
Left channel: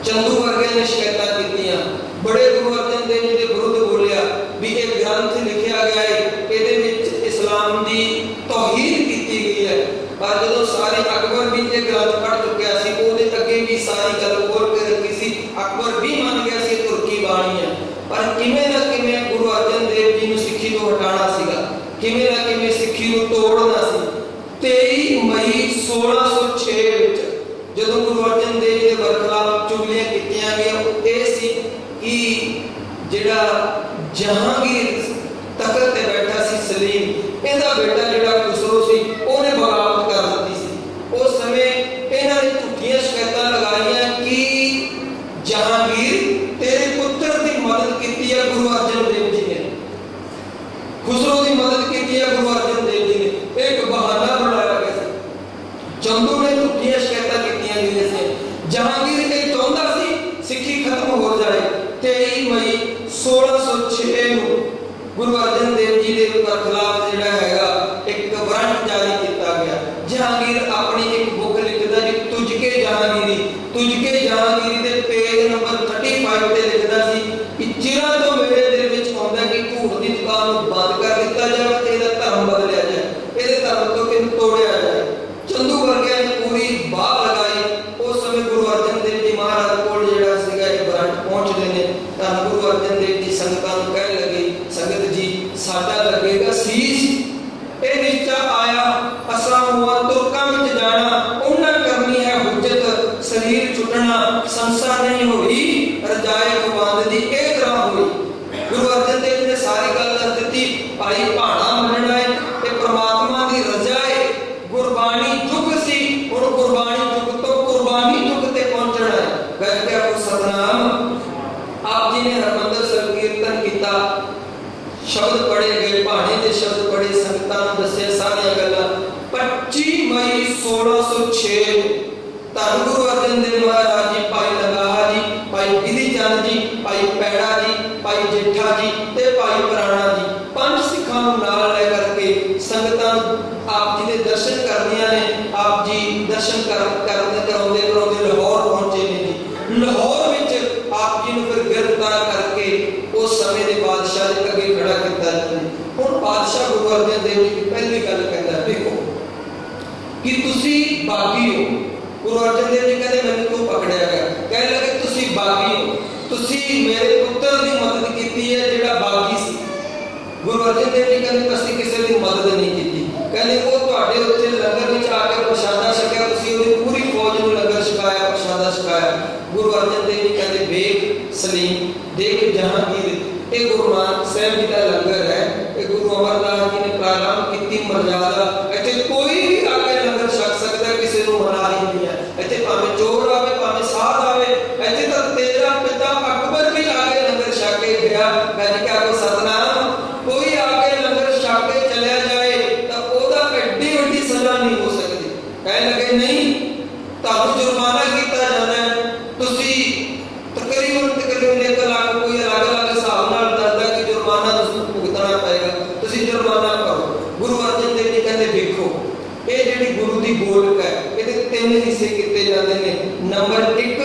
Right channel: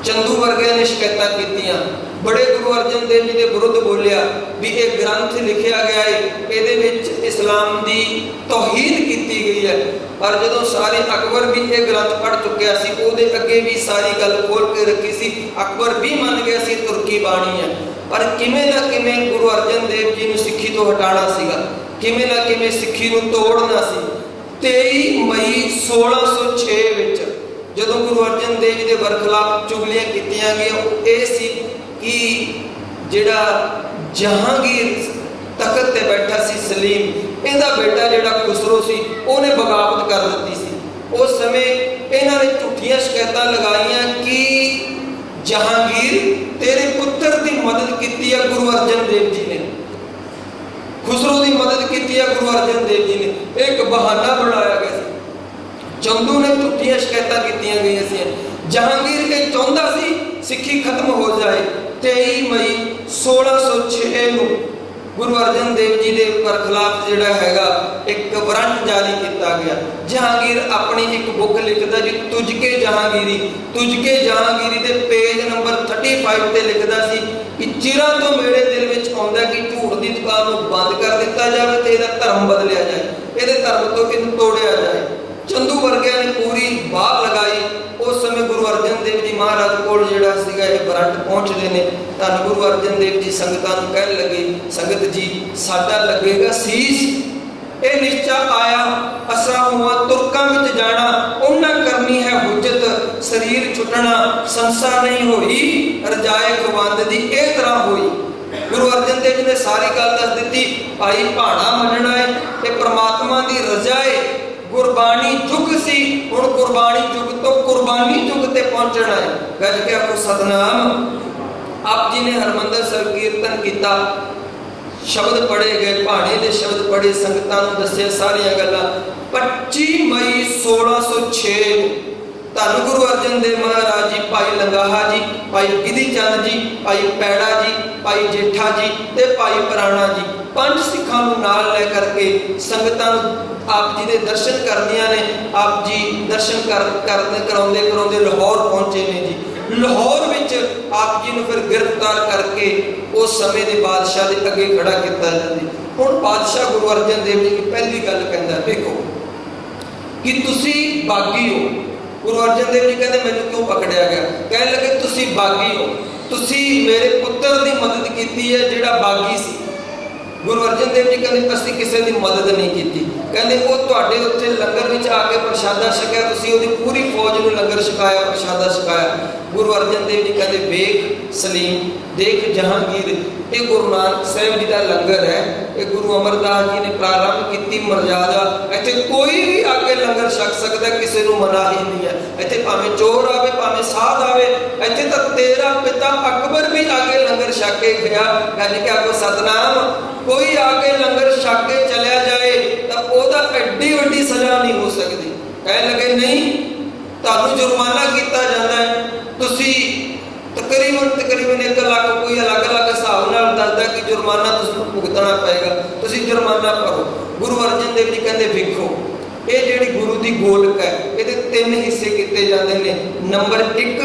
ਚੰਦੂ ਵਰਗਿਆਂ ਨੇ ਸ਼ਿਕਾਇਤਾਂ ਕੀਤੀਆਂ। ਬੜੇ ਗੁਰੂ ਅਰਜਨ ਦੇਵ ਜੀ ਦੇ ਵਿਰੁੱਧ ਬੋਲਿਆ ਵੀ ਇਹ ਗ੍ਰੰਥ ਲਿਖਿਆ ਗਿਆ ਹੈ, ਇਹਦੇ ਵਿੱਚ ਇਸਲਾਮ ਦੀ ਤੌਹੀਨ ਕੀਤੀ ਗਈ ਹੈ। ਪਰ ਜਦੋਂ ਸਾਰੇ ਅਕਬਰ ਵੀ ਇਹ ਗ੍ਰੰਥ ਪੜ੍ਹ ਚੁੱਕਿਆ ਸੀ, ਉਹਦੇ ਅੱਗੇ ਵੀ ਸਾਰੀ ਗੱਲ ਖੋਲ ਕੇ ਰੱਖੀ ਸੀ। ਅਕਬਰ ਵੀ ਮੰਨ ਗਿਆ ਸੀ ਤੁਰਕੀ ਬਾਣੀ ਹੈ। ਪਰ ਕਿਵੇਂ ਨਾ ਕਿਵੇਂ ਗੁਰੂ ਅਰਜਨ ਦੇਵ ਜੀ ਨੂੰ ਸਿੱਖੀ ਤੋਂ ਹਟਾਉਣਾ ਸੀਗਾ, ਕਿਵੇਂ ਨਾ ਕਿਵੇਂ ਸਿੱਖੀ ਨੂੰ ਤੋੜਨਾ ਸੀ। 23 ਮਈ 1606 ਵਿੱਚ ਜਦੋਂ ਗੁਰੂ ਅਰਜਨ ਦੇਵ ਜੀ ਦੇ ਬਰਖਲਾਫ ਚੁਗਲੀਆਂ ਕੀਤੀਆਂ ਗਈਆਂ, ਇਹ ਸੀ ਕਿ ਜਿਹੜਾ ਜਹਾਂਗੀਰ ਤਖਤ ਤੇ ਬੈਠਾ ਸੀ ਸਲੀਮ, ਇਹਦਾ ਬੇਟਾ ਜਿਹੜਾ ਖੁਸਰੋ ਸੀ ਉਹਨੇ ਬਗਾਵਤ ਕਰ ਦਿੱਤੀ ਸੀ। ਉਸ ਸਮੇਂ ਇਹਨਾਂ ਨੇ ਝੂਠੀਆਂ ਸ਼ਿਕਾਇਤਾਂ ਲਗਾਈਆਂ ਕਿ ਜਹਾਂਗੀਰ ਤੇਰੇ ਪੁੱਤਰ ਦੀ ਮਦਦ ਕੀਤੀ ਹੈ ਗੁਰੂ ਅਰਜਨ ਦੇਵ ਜੀ ਨੇ, ਖੁਸਰੋ ਦੀ ਮਦਦ ਕੀਤੀ ਹੈ ਗੁਰੂ ਅਰਜਨ ਦੇਵ ਜੀ ਨੇ। ਇੱਕ ਬਹਾਨਾ ਬਣਾਇਆ ਗਿਆ ਸੀ। ਚੰਦੂ ਨੇ ਝੂਠੀਆਂ ਸ਼ਿਕਾਇਤਾਂ ਕੀਤੀਆਂ ਗਈਆਂ ਸੀ। ਜਹਾਂਗੀਰ ਇਹ ਚਾਹੁੰਦਾ ਸੀ ਸਿੱਖੀ ਖਤਮ ਹੋ ਜਾਏ। 23 ਮਈ 1606 ਨੂੰ ਗੁਰੂ ਅਰਜਨ ਦੇਵ ਜੀ ਦੇ ਬਰਖਲਾਫ ਜਿਹੜਾ ਹੈਗਾ ਇੱਕ ਵਾਰੰਟ ਜਾਰੀ ਕੀਤਾ ਗਿਆ। ਜਹਾਂਗੀਰ ਆਪਣੀ ਇੱਕ ਬੁੱਕ ਲਿਖਦਾ ਜੀ, ਤੁਝਕੇ ਜਹਾਂਗੀਰੀ। ਤੁਝਕੇ ਜਹਾਂਗੀਰੀ ਦੇ ਪੇਜ ਨੰਬਰ 35 ਤੇ ਲਿਖਦਾ ਸੀ ਕਿ ਚਿਰਾਂ ਤੋਂ ਮੇਰੇ ਦਿਲ ਵਿੱਚ ਆਉਂਦਾ ਕਿ ਝੂਠ ਦੀ ਦੁਕਾਨ ਨੂੰ ਬੰਦ ਕਰ ਦਿੱਤਾ ਜਾਵੇ ਤੇ ਇਹਦਾ ਧਰਮ ਬਦਲਿਆ ਜਾਏ, ਇਹਦੇ ਧਰਮ ਤੋਂ ਇਹਨੂੰ ਤੋੜਿਆ ਜਾਏ। ਚੰਦੂ ਵਰਗਿਆਂ ਨੇ ਪੂਰੀ ਬਾਹ ਲਗਾਈ। ਉਸ ਸਮੇਂ ਗੁਰੂ ਅਰਜਨ ਦੇਵ ਜੀ ਮਹਾਰਾਜ ਕੋਲ ਜਿਹੜਾ ਸੀਗਾ ਇਹ ਵਾਰੰਟ ਪਹੁੰਚਦੇ ਨੇ। ਧੰਨ ਗੁਰੂ ਅਰਜਨ ਦੇਵ ਜੀ ਸੰਗਤਾਂ ਨੂੰ ਕਹਿਣ ਲੱਗੇ, ਸੰਗਤ ਜੀ ਸਾਡਾ ਲੱਗੇਗਾ ਸੀਸ। ਇਹ ਨਿਸ਼ਚਾ ਆਇਆ ਅਸਾਂ ਹੁਆ ਤੁਰਕਾਂ ਵਿੱਚ ਜਾਣਾ, ਉਹਨਾਂ ਕਰਨੀ ਹੈ ਹੁਜਤ, ਸਰੀਰ ਛੁੱਟਣਾ ਸੰਸਾ ਨਹੀਂ ਹੋਈ, ਰਜਾਏ ਖਵੰਦ ਦੀ ਇਹ ਤਰ੍ਹਾਂ ਹੋਈ। ਗੁਰੂ ਅਰਜਨ ਦੇਵ ਜੀ ਨੇ ਸਾਰੀ ਗੱਲ ਦੱਸ ਦਿੱਤੀ। ਭਾਈ ਭਾਣਾ ਮੰਨਣਾ ਹੈ, ਇਹ ਪ੍ਰਮਾਤਮਾ ਦੀ ਰਜ਼ਾ ਹੈ। ਗੁਰਬਾਣੀ ਯੁੱਗ ਸੀ, ਹੁਣ ਗੁਰਬਾਣੀ ਯੁੱਗ ਤੋਂ ਕੁਰਬਾਨੀ ਯੁੱਗ ਤੇ ਪਹੁੰਚਣਾ ਹੈ। ਗੱਜ ਕੇ ਆਪੋ ਸਤਨਾਮ। ਆਪ ਜੀ ਨੇ ਹਰਿਮੰਦਰ ਸਾਹਿਬ ਕੀਰਤਨ ਕੀਤਾ, ਸ਼ਬਦ ਪੜ੍ਹੇ ਗਏ, ਭਾਣੇ ਦੇ ਸ਼ਬਦ ਪੜ੍ਹੇ, ਸੰਗਤਾਂ ਨੂੰ ਦੱਸਿਆ ਸਾਰੀਆਂ ਗੱਲਾਂ। 25 ਮਈ 1606 ਧੰਨ ਗੁਰੂ ਅਰਜਨ ਦੇਵ ਮਹਾਰਾਜ ਜੀ, ਭਾਈ ਲੰਗਾਹਾ ਜੀ, ਭਾਈ ਵਿਧੀ ਚੰਦ ਜੀ, ਭਾਈ ਪੈੜਾ ਜੀ, ਭਾਈ ਜੇਠਾ ਜੀ ਤੇ ਭਾਈ ਪ੍ਰਾਣਾ ਜੀ, 5 ਸਿੱਖਾਂ ਨੂੰ ਨਾਲ ਲੈ ਕਰਕੇ ਸੰਗਤਾਂ ਨੂੰ ਆਪ ਜੀ ਦੇ ਦਰਸ਼ਨ ਕਰਦੀਆਂ ਨੇ। ਆਪ ਜੀ ਦਰਸ਼ਨ ਕਰਾਉਂਦੇ ਲਾਹੌਰ ਪਹੁੰਚੇ ਨੇ ਜੀ। ਲਾਹੌਰ ਵਿੱਚ ਆਪ ਜੀ ਨੂੰ ਫਿਰ ਗ੍ਰਿਫਤਾਰ ਕਰਕੇ ਉਸ ਸਮੇਂ ਦੇ ਬਾਦਸ਼ਾਹ ਦੇ ਅੱਗੇ ਖੜਾ ਕੀਤਾ ਜਾਂਦਾ। ਹੁਣ ਬਾਦਸ਼ਾਹ ਗੁਰੂ ਅਰਜਨ ਦੇਵ ਜੀ ਦੀ ਪਹਿਲੀ ਗੱਲ ਕਹਿੰਦਾ, ਦੇਖੋ ਕਿ ਤੁਸੀਂ ਬਾਗੀ ਹੋ। ਗੁਰੂ ਅਰਜਨ ਦੇਵ ਜੀ ਕਹਿੰਦੇ ਮੈਨੂੰ ਕਿਉਂ ਪਕੜਿਆ ਗਿਆ? ਕਹਿਣ ਲੱਗੇ ਤੁਸੀਂ ਬਾਗੀ ਹੋ, ਤੁਸੀਂ ਮੇਰੇ ਪੁੱਤਰ ਦੀ ਮਦਦ ਕੀਤੀ ਹੈ ਜਿਹੜਾ ਬਾਗੀ ਸੀ। ਗੁਰੂ ਅਰਜਨ ਦੇਵ ਜੀ ਕਹਿੰਦੇ ਅਸੀਂ ਕਿਸੇ ਦੀ ਮਦਦ ਨਹੀਂ ਕੀਤੀ। ਕਹਿੰਦੇ ਉਹ ਤੁਹਾਡੇ ਉੱਥੇ ਲੰਗਰ ਵਿੱਚ ਆ ਕੇ ਪ੍ਰਸ਼ਾਦਾ ਛਕਿਆ, ਤੁਸੀਂ ਉਹਦੀ ਪੂਰੀ ਫੌਜ ਨੂੰ ਲੰਗਰ ਛਕਾਇਆ, ਪ੍ਰਸ਼ਾਦਾ ਛਕਾਇਆ। ਗੁਰੂ ਅਰਜਨ ਦੇਵ ਜੀ ਕਹਿੰਦੇ ਵੇਖ ਸਲੀਮ, ਦੇਖ ਜਹਾਂਗੀਰ, ਇਹ ਗੁਰੂ ਨਾਨਕ ਸਾਹਿਬ ਜੀ ਦਾ ਲੰਗਰ ਹੈ। ਇਹ ਗੁਰੂ ਅਮਰਦਾਸ ਜੀ ਨੇ ਪ੍ਰਾਰੰਭ ਕੀਤੀ ਮਰਜ਼ਾਦਾ। ਇੱਥੇ ਕੋਈ ਵੀ ਆ ਕੇ ਲੰਗਰ ਛਕ ਸਕਦਾ, ਕਿਸੇ ਨੂੰ ਮਨਾਹੀ ਨਹੀਂ ਹੈ। ਇੱਥੇ ਭਾਵੇਂ ਚੋਰ ਆਵੇ, ਭਾਵੇਂ ਸਾਧ ਆਵੇ। ਇੱਥੇ ਤਾਂ ਤੇਰਾ ਪਿਤਾ ਅਕਬਰ ਵੀ ਆ ਕੇ ਲੰਗਰ ਛਕ ਕੇ ਗਿਆ। ਗੱਜ ਕੇ ਆਪੋ ਸਤਨਾਮ। ਕੋਈ ਆ ਕੇ ਲੰਗਰ ਛਕ ਕੇ ਚਲਿਆ ਜਾਏ ਤਾਂ ਉਹਦਾ ਐਡੀ ਵੱਡੀ ਸਜ਼ਾ ਨਹੀਂ ਹੋ ਸਕਦੀ। ਕਹਿਣ ਲੱਗੇ ਨਹੀਂ, ਤੁਹਾਨੂੰ ਜੁਰਮਾਨਾ ਕੀਤਾ ਜਾਂਦਾ ਹੈ। ਤੁਸੀਂ ਤਕਰੀਬਨ 1 ਲੱਖ, ਕੋਈ ਅਲੱਗ-ਅਲੱਗ ਹਿਸਾਬ ਨਾਲ ਦੱਸਦਾ ਕਿ ਜੁਰਮਾਨਾ ਤੁਸੀਂ ਭੁਗਤਣਾ ਪਏਗਾ, ਤੁਸੀਂ ਜੁਰਮਾਨਾ ਭਰੋ। गुरु अर्जन देव जी कहते वेखो ये जिहड़ी गुरु की गोलक है ये 3 हिस्से किए जाते हैं। नंबर 1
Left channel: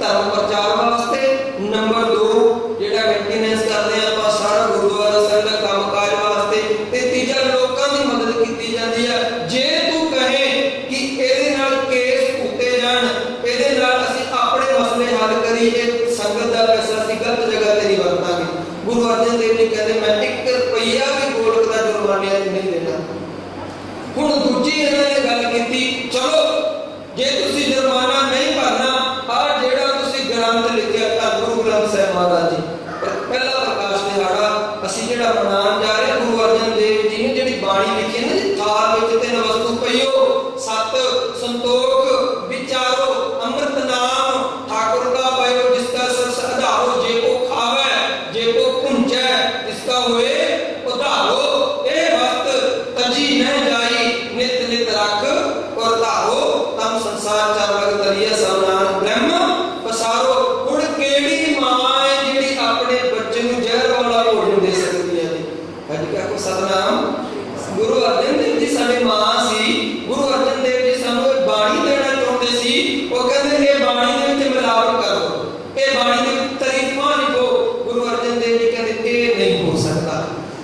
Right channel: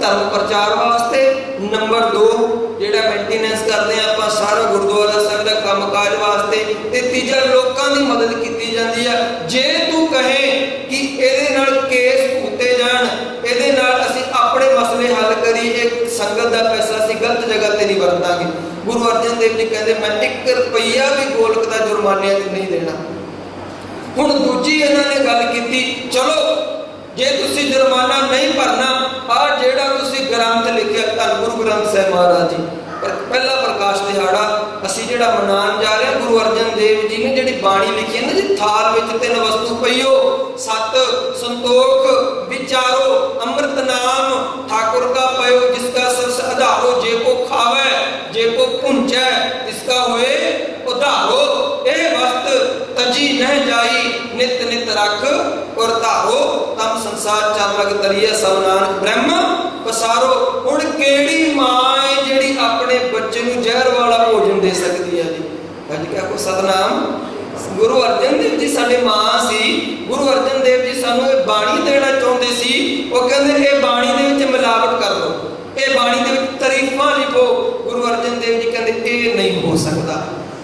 धर्म प्रचार वास्ते, नंबर 2 जिहड़ा मेंटेनेंस करते हैं आपां सारा गुरुद्वारा साहिब का काम काज वास्ते, ते तीजा लोकां दी मदद की जाती है। जे तू कहे कि इहदे नाल केस धुते जाण, इहदे नाल असीं अपने मसले हल करिए, संगत का पैसा असीं गलत जगह ते नहीं वरतांगे। गुरु अर्जन देव जी कहते मैं 1 रुपया भी गोलक का जुर्माने नहीं देना। हुण दूजी इन्होंने गल की, चलो जे तुसी जुर्माना नहीं भरना, आ जेड़ा तुसी ग्रंथ लिखिया धन गुरु ग्रंथ साहिब महाराज जी पहला प्रकाश दिहाड़ा असीं जेड़ा मनाउण जा रहे गुरु अर्जन देव जी ने जिहड़ी बाणी लिखी है ना जी, थाल विच 3 वस्तु पईओ, सत संतोख विचारो, अमृत नाम ठाकुर का पयो, जिसका सरस आधारो, जे को खावे जे को पुंजै इसका हुए उधारो, ए वस्त तजी न जाई नित नित रख और धारो, तम संसार चालक तरिया सब नानक ब्रह्म पसारो। हुण केड़ी मां है जिहड़ी अपने बच्चे नूं जहर वाला भोजन दे सकती है जी? अज क्या को सतनाम गुरु अर्जन देव जी साडे मां सी। गुरु अर्जन देव जी सानू ये बाणी देना चाहुंदे सी। वो कहंदे ये बाणी दे विच मिलावट कर दो, ये बाणी दे विच तारीफां लिखो। गुरु अर्जन देव जी कहंदे ये नहीं हो सकता।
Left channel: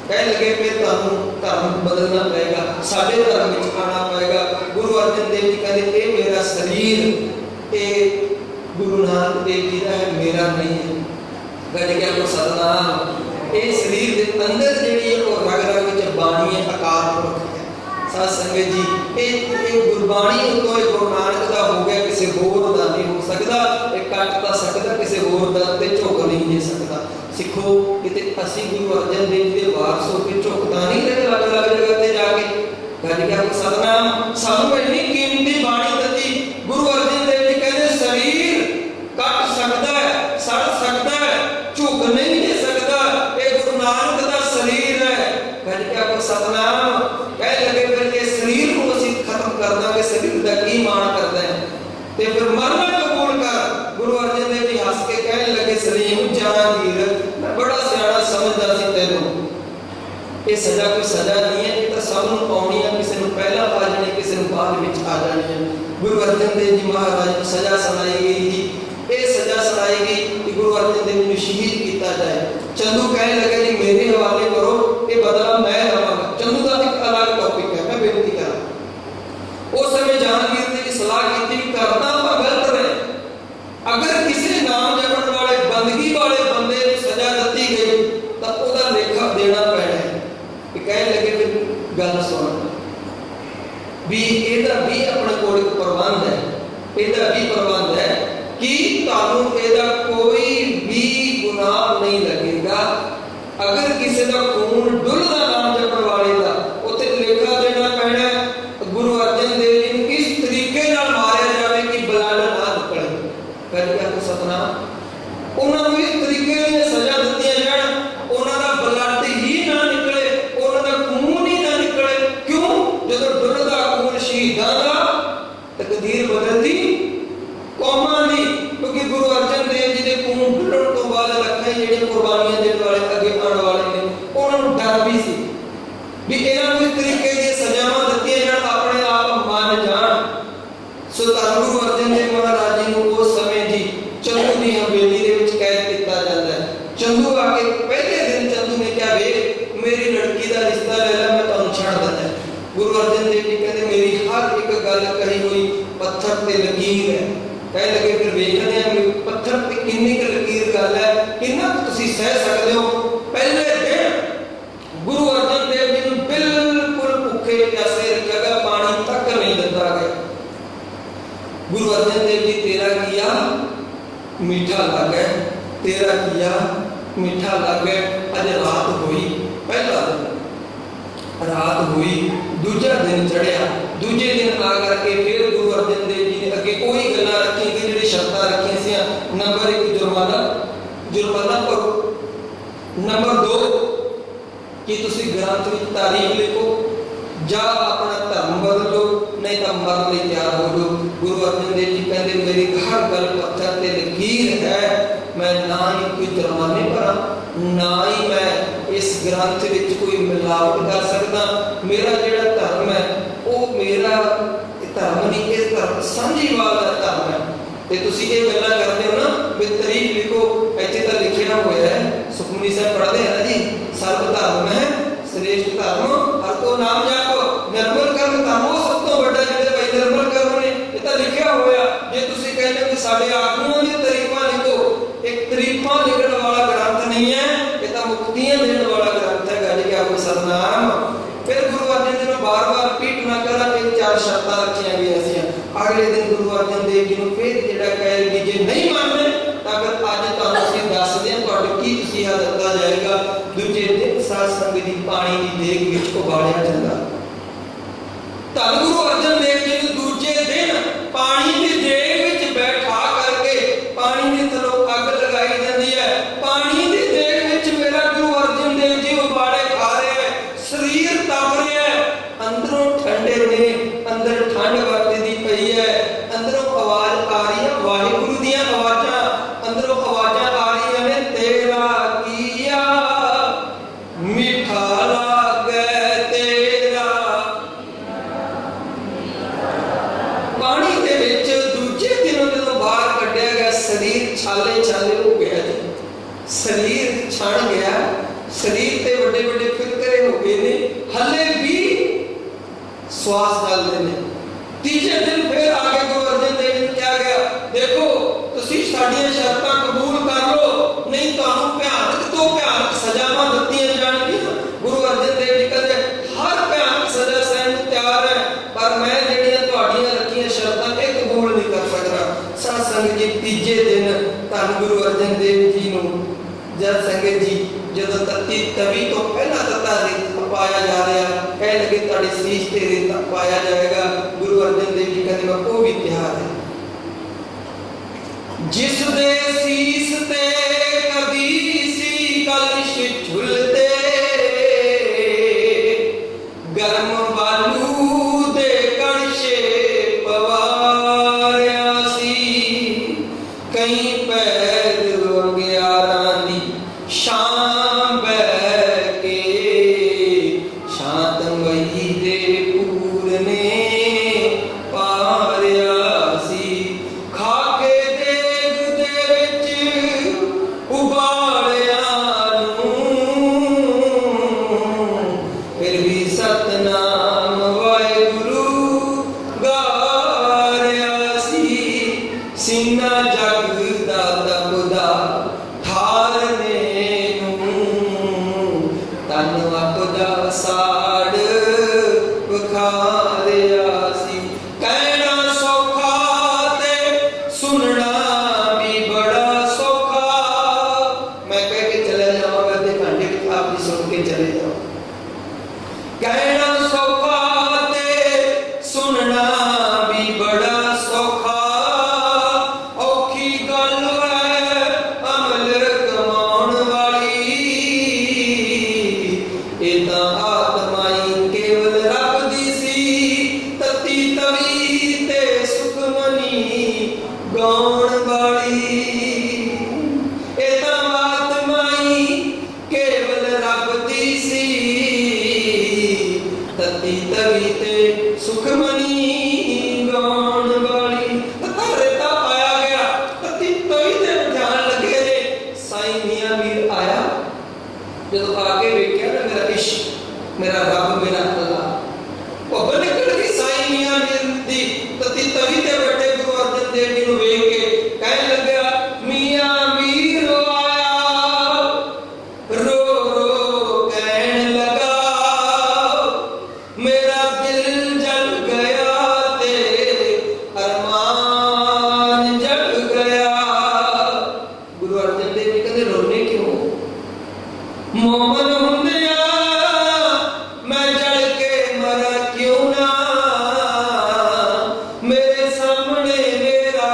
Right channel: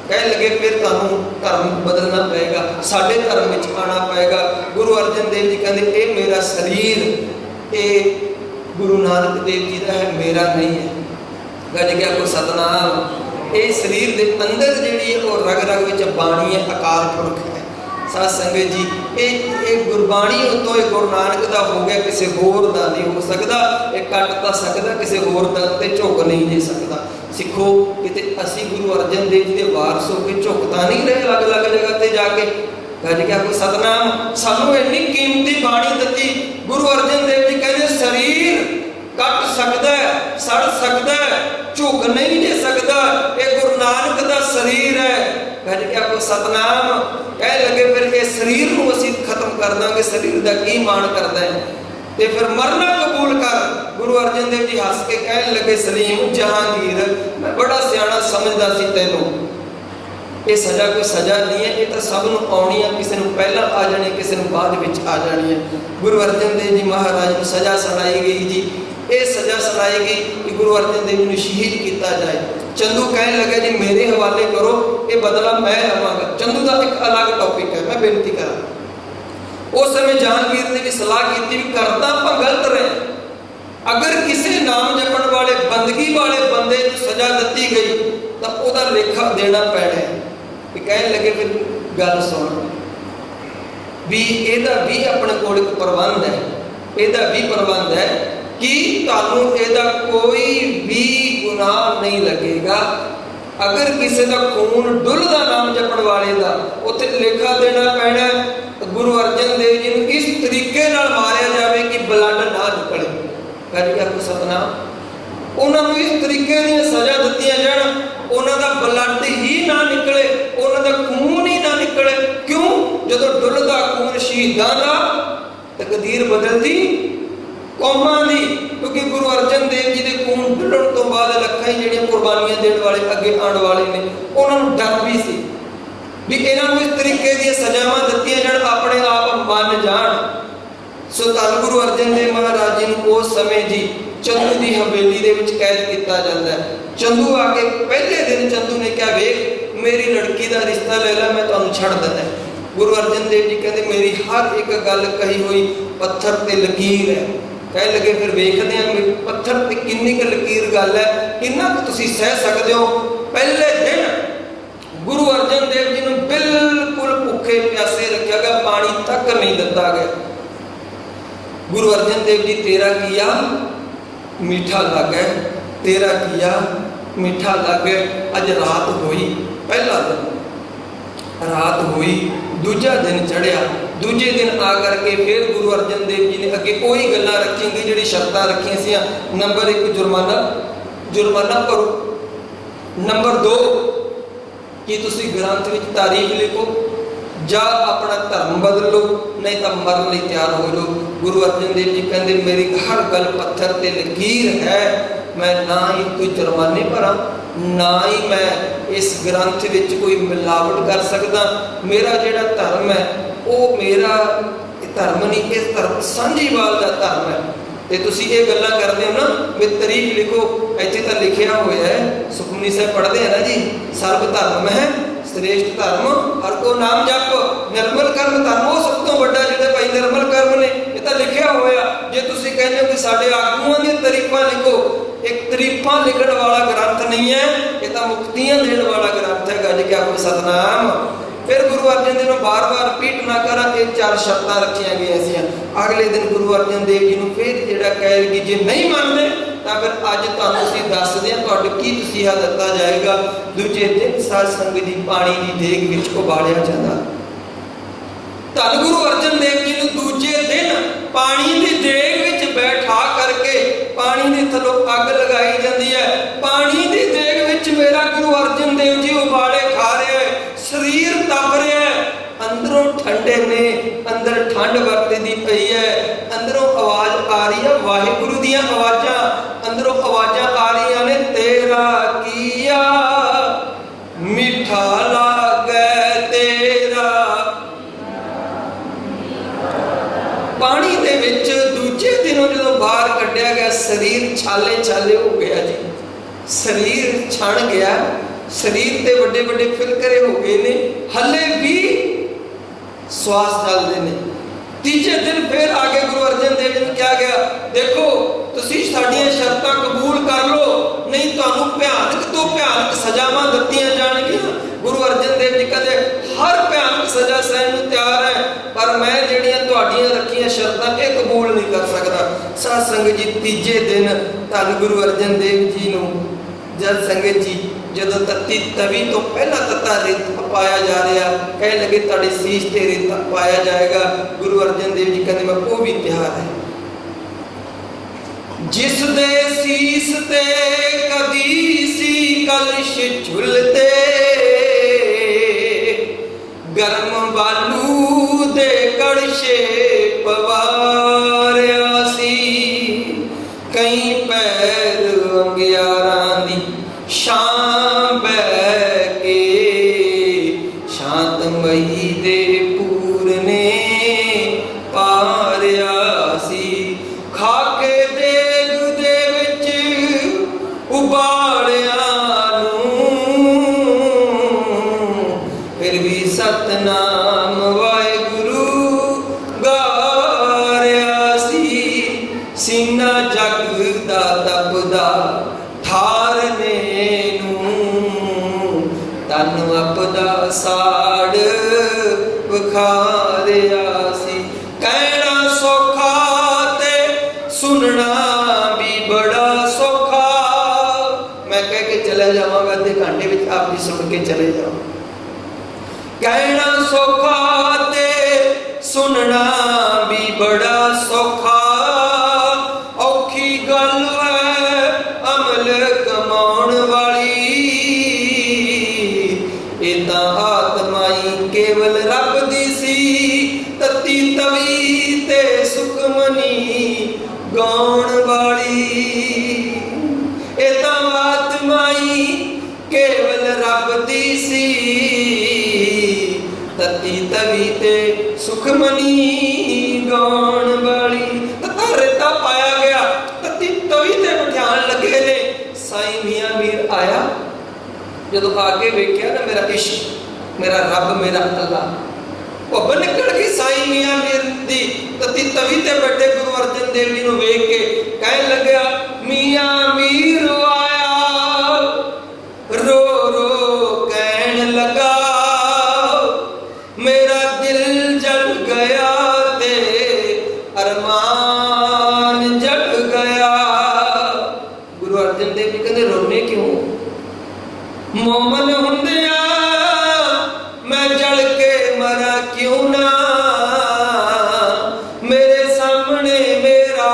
कह लगे फिर तुहानू धर्म बदलना पएगा, साडे धर्म विच आना पएगा। गुरु अर्जन देव जी कहंदे ये मेरा शरीर ये गुरु नानक देव जी का है, मेरा नहीं है। गज गया को सतनाम। ये शरीर के अंदर जिहड़ी है वो रग रग विच बाणी है, अकाल पुरख है। साध संगत जी ये गुरबाणी उतों गुरु नानक का हो गया, किसी होर का नहीं हो सकता। ये कट तो सकता, किसी होर का ते झुक नहीं दे सकता। सिखो कि असी गुरु अर्जन देव जी के वारस हो के झुकता नहीं रहे अलग अलग जगह पर जाके। गज क्या कोई सतनाम। सानू इन्नी कीमती बाणी दी। गुरु अर्जन देव जी कहते शरीर कट सकता है, सड़ सकता है, झुक नहीं दे सकता। ये गुरु नानक का शरीर है। गज क्या कोई सतनाम। कह लगे फिर ये शरीर को असीं खत्म कर देंगे, शरीर का की मान करता है, ते फिर मरना कबूल कर। गुरु अर्जन देव जी हस के कहने लगे सलीम जहांगीर मैं बड़ा सियाना समझदा सी तैनूं। ये सजा कोई सजा नहीं है, ये तो सब नूं पाउणी है, किसी नूं पहला आ जानी, किसी नूं बाद विच आ जानी है। गुरु अर्जन देव जी महाराज को सजा सुनाई गई जी। ये सजा सुनाई गई कि गुरु अर्जन देव जी शहीद किया जाए। चंदू कहने लगे जी मेरे हवाले करो, ये बदला मैं लवांगा। चंदू का एक अलग टॉपिक है, मैं बेनती करा। उस समय जहांगीर ने भी सलाह की भी करता आप गलत रहे। अगर किसी नाम जपण वाले बंदगी वाले बंदे को सजा दी गई तो उसका लेखा देना पैना है। कहने लगे फिर गल सुन भी ਇਹਦਾ भी अपने कोल एक प्रबंध है, ਇਹਦਾ भी प्रबंध है कि ਤੁਹਾਨੂੰ ਇਹਦਾ कोई भी गुनाह नहीं लगेगा। अगर किसी का खून डुलदा नाम जपण वाले का उत्थे लेखा देना पैना। गुरु अर्जन देव जी ने इस तरीके नाल मारिया जाए कि ब्लड ना निकले। कह गया को सतनाम। उन्होंने इस तरीके दी सजा दी जान, उन्होंने ब्लड ही ना निकले, उन्होंने खून ही ना निकले। क्यों? जो डुलदा खून शहीदां दा तकदीर बदलदी कौमां दी। क्योंकि गुरु अर्जन देव जी के खून डुलण तो बाद लखां ही जिहड़ियां कुर्बानियां देण वाले अगे आउण वाले ने, उन्होंने डर भी सी भी इन्हों इस तरीके दी सजावां दित्तियां जाण, अपने आप मन जाण। सो धन गुरु अर्जन देव महाराज जी नूं उस समय जी चंदू की हवेली दे विच कैद किया जाता है। चंदू आके पहले दिन चंदू ने कहा वेख मेरी लड़की का रिश्ता ले ला, मैं तुहानूं छड्ड दिंदा। गुरु अर्जन देव जी कहते मेरी हर एक गल कही हुई पत्थर ते लकीर है। कह लगे फिर वेखदे हैं पत्थर ते किन्नी क लकीर गल है, किन्ना क तुसीं सह सकदे हो। पहले दिन गुरु अर्जन देव जी नूं बिल्कुल भुखे प्यासे रखा गया, पानी तक नहीं दिता गया। गुरु अर्जन देव जी तेरा किया मीठा लग है, तेरा किया मीठा लग है। अज रात हुई, पहला दिन रात हुई, दूजा दिन चढ़िया, दूजे दिन आ करके फिर गुरु अर्जन देव जी ने अगे कोई गल्लां रखी गई जिहड़ी शर्तां रखियां सी। नंबर 1 जुर्माना भरो। नंबर 2 कि तुसी ग्रंथ विच तारीख लिखो जा अपना धर्म बदल लो, नहीं तो मरन लई तैयार हो जाओ। गुरु अर्जन देव जी कहते मेरी हर गल पत्थर ते लकीर है, मैं ना ही कोई जुर्माने भरा ना ही मैं इस ग्रंथ विच कोई मिलावट कर सकदा। मेरा जिहड़ा धर्म है वो मेरा धर्म नहीं, इस धर्म सांझीवाल का धर्म है। ते तुसीं ये गल्लां करदे हो ना भी तारीफ लिखो, इत्थे तां लिखिया होया है, सुखमनी साहिब पढ़दे हैं ना जी, सर्व धर्म है श्रेष्ठ धर्म हर को नाम जप, निर्मल कर्म धर्म वो सब तो वड्डा जिहड़े भाई निर्मल कर्म ने, ये तां लिखिया होया। जे तुसीं कहंदे हो कि साडे आगूआं दी तारीफां लिखो, एक तारीफां लिखण वाला ग्रंथ नहीं है, ये तां मुक्तियां देण वाला ग्रंथ है जी। क्या कोई सतनाम। फिर गुरु अर्जन देव बार बार रिपीट ना करा, ये 4 शर्तां रखिया गई। अगले दिन गुरु अर्जन देव जी को फिर जिहड़ा कहेगी जे नहीं मानते तो फिर अज तुहानूं असीं दसदे हां तुहाडे की तसीहा दित्ता जाएगा। दूजे दिन साध संगत जी पानी की देग विच उबालिया जांदा। धन गुरु अर्जन देव जी को दूजे दिन पानी की देग विच बैठा करके पानी के थलों अग लगाई जाती है। पानी की देग विच मेरा गुरु अर्जन देव जी उबाले खा रहे हैं, शरीर तप रहा है, अंदरों ठंडे ने, अंदर ठंड वरतदी पई है, अंदरों आवाज आ रही है वाहिगुरु दी आवाज़ां, अंदरों आवाज़ां आ रही ने तेरा किया मीठा लागे तेरा। पानी दे विच दूजे दिनों जदों बाहर कढ़िया गया, शरीर छाले छाले हो गया जी, शरीर छण गया, शरीर ते बड़े बड़े फिरकरे हो गए ने, हले भी श्वास चलते हैं। तीजे दिन फिर आगे गुरु अर्जन देव जी ने क्या गया, देखो तुसीं साडीआं शर्तां कबूल कर लो, नहीं तुहानूं भयानक तो भयानक सजावां दित्तियां जाणगीआं। गुरु अर्जन देव जी कहते हर भयानक सजा सहण नूं तैयार है, पर मैं जिहड़ियां तुहाडीआं रखीआं शर्तां ये कबूल नहीं कर सकदा। साध संगत जी तीजे दिन धन गुरु अर्जन देव जी नूं जद संगत जी जदों तत्ती तवी तो पहला तत्ता रेत पाया जा रहा, कह लगे तुहाडे सीस ते रेत पाया जाएगा। गुरु अर्जन देव जी कहते मैं वो भी तैयार है। जिस दे सीस ते कदी सी कलश झुलते, गर्म बालू दे कड़शे पवारिया सी, कई पैर अंगियारां दी शां बह के शांतमई दे पूरने पारिया सी, खाके देग दे विच उबालिया नूं, फिर भी सतनाम वाहिगुरू गारिया सी, सीना जग दा तपदा तन अपदा साड़ विखारिया सी। कहना सौखा ते सुनना भी बड़ा सौखा, मैं कह के चले जावांगा आधे घंटे में आप भी सुन के चले जाओ। कहना सौखा ते सुनना भी बड़ा सौखा, औखी गल है अमल कमाउण वाली, इदा आत्माई केवल रब दी सी, तत्ती तवी ते सुखमनी गाउण वाली, इदा आत्माई केवल रब दी सी, तत्ती तवी ते सुखमनी गाउण वाली। तत्ता रेता पाया गया, तत्ती तवी ते ध्यान लगे ने। साईं मियां मीर आया, जदों आगे वेख्या ना मेरा इश्क मेरा रब मेरा अल्लाह, भुब्ब निकल गई साईं मियां मीर दी। तत्ती तवी ते बैठे गुरु अर्जन देव जी नूं वेख के कहन लग्या मियां मीर आया, रो रो कहन लगा मेरा दिल जल गया ते अरमान जग गया। गुरु अर्जन देव जी कहते रोने क्यों, मोमन हुंदिया मैं जल के मरा क्यों ना, मेरे सामने मेरा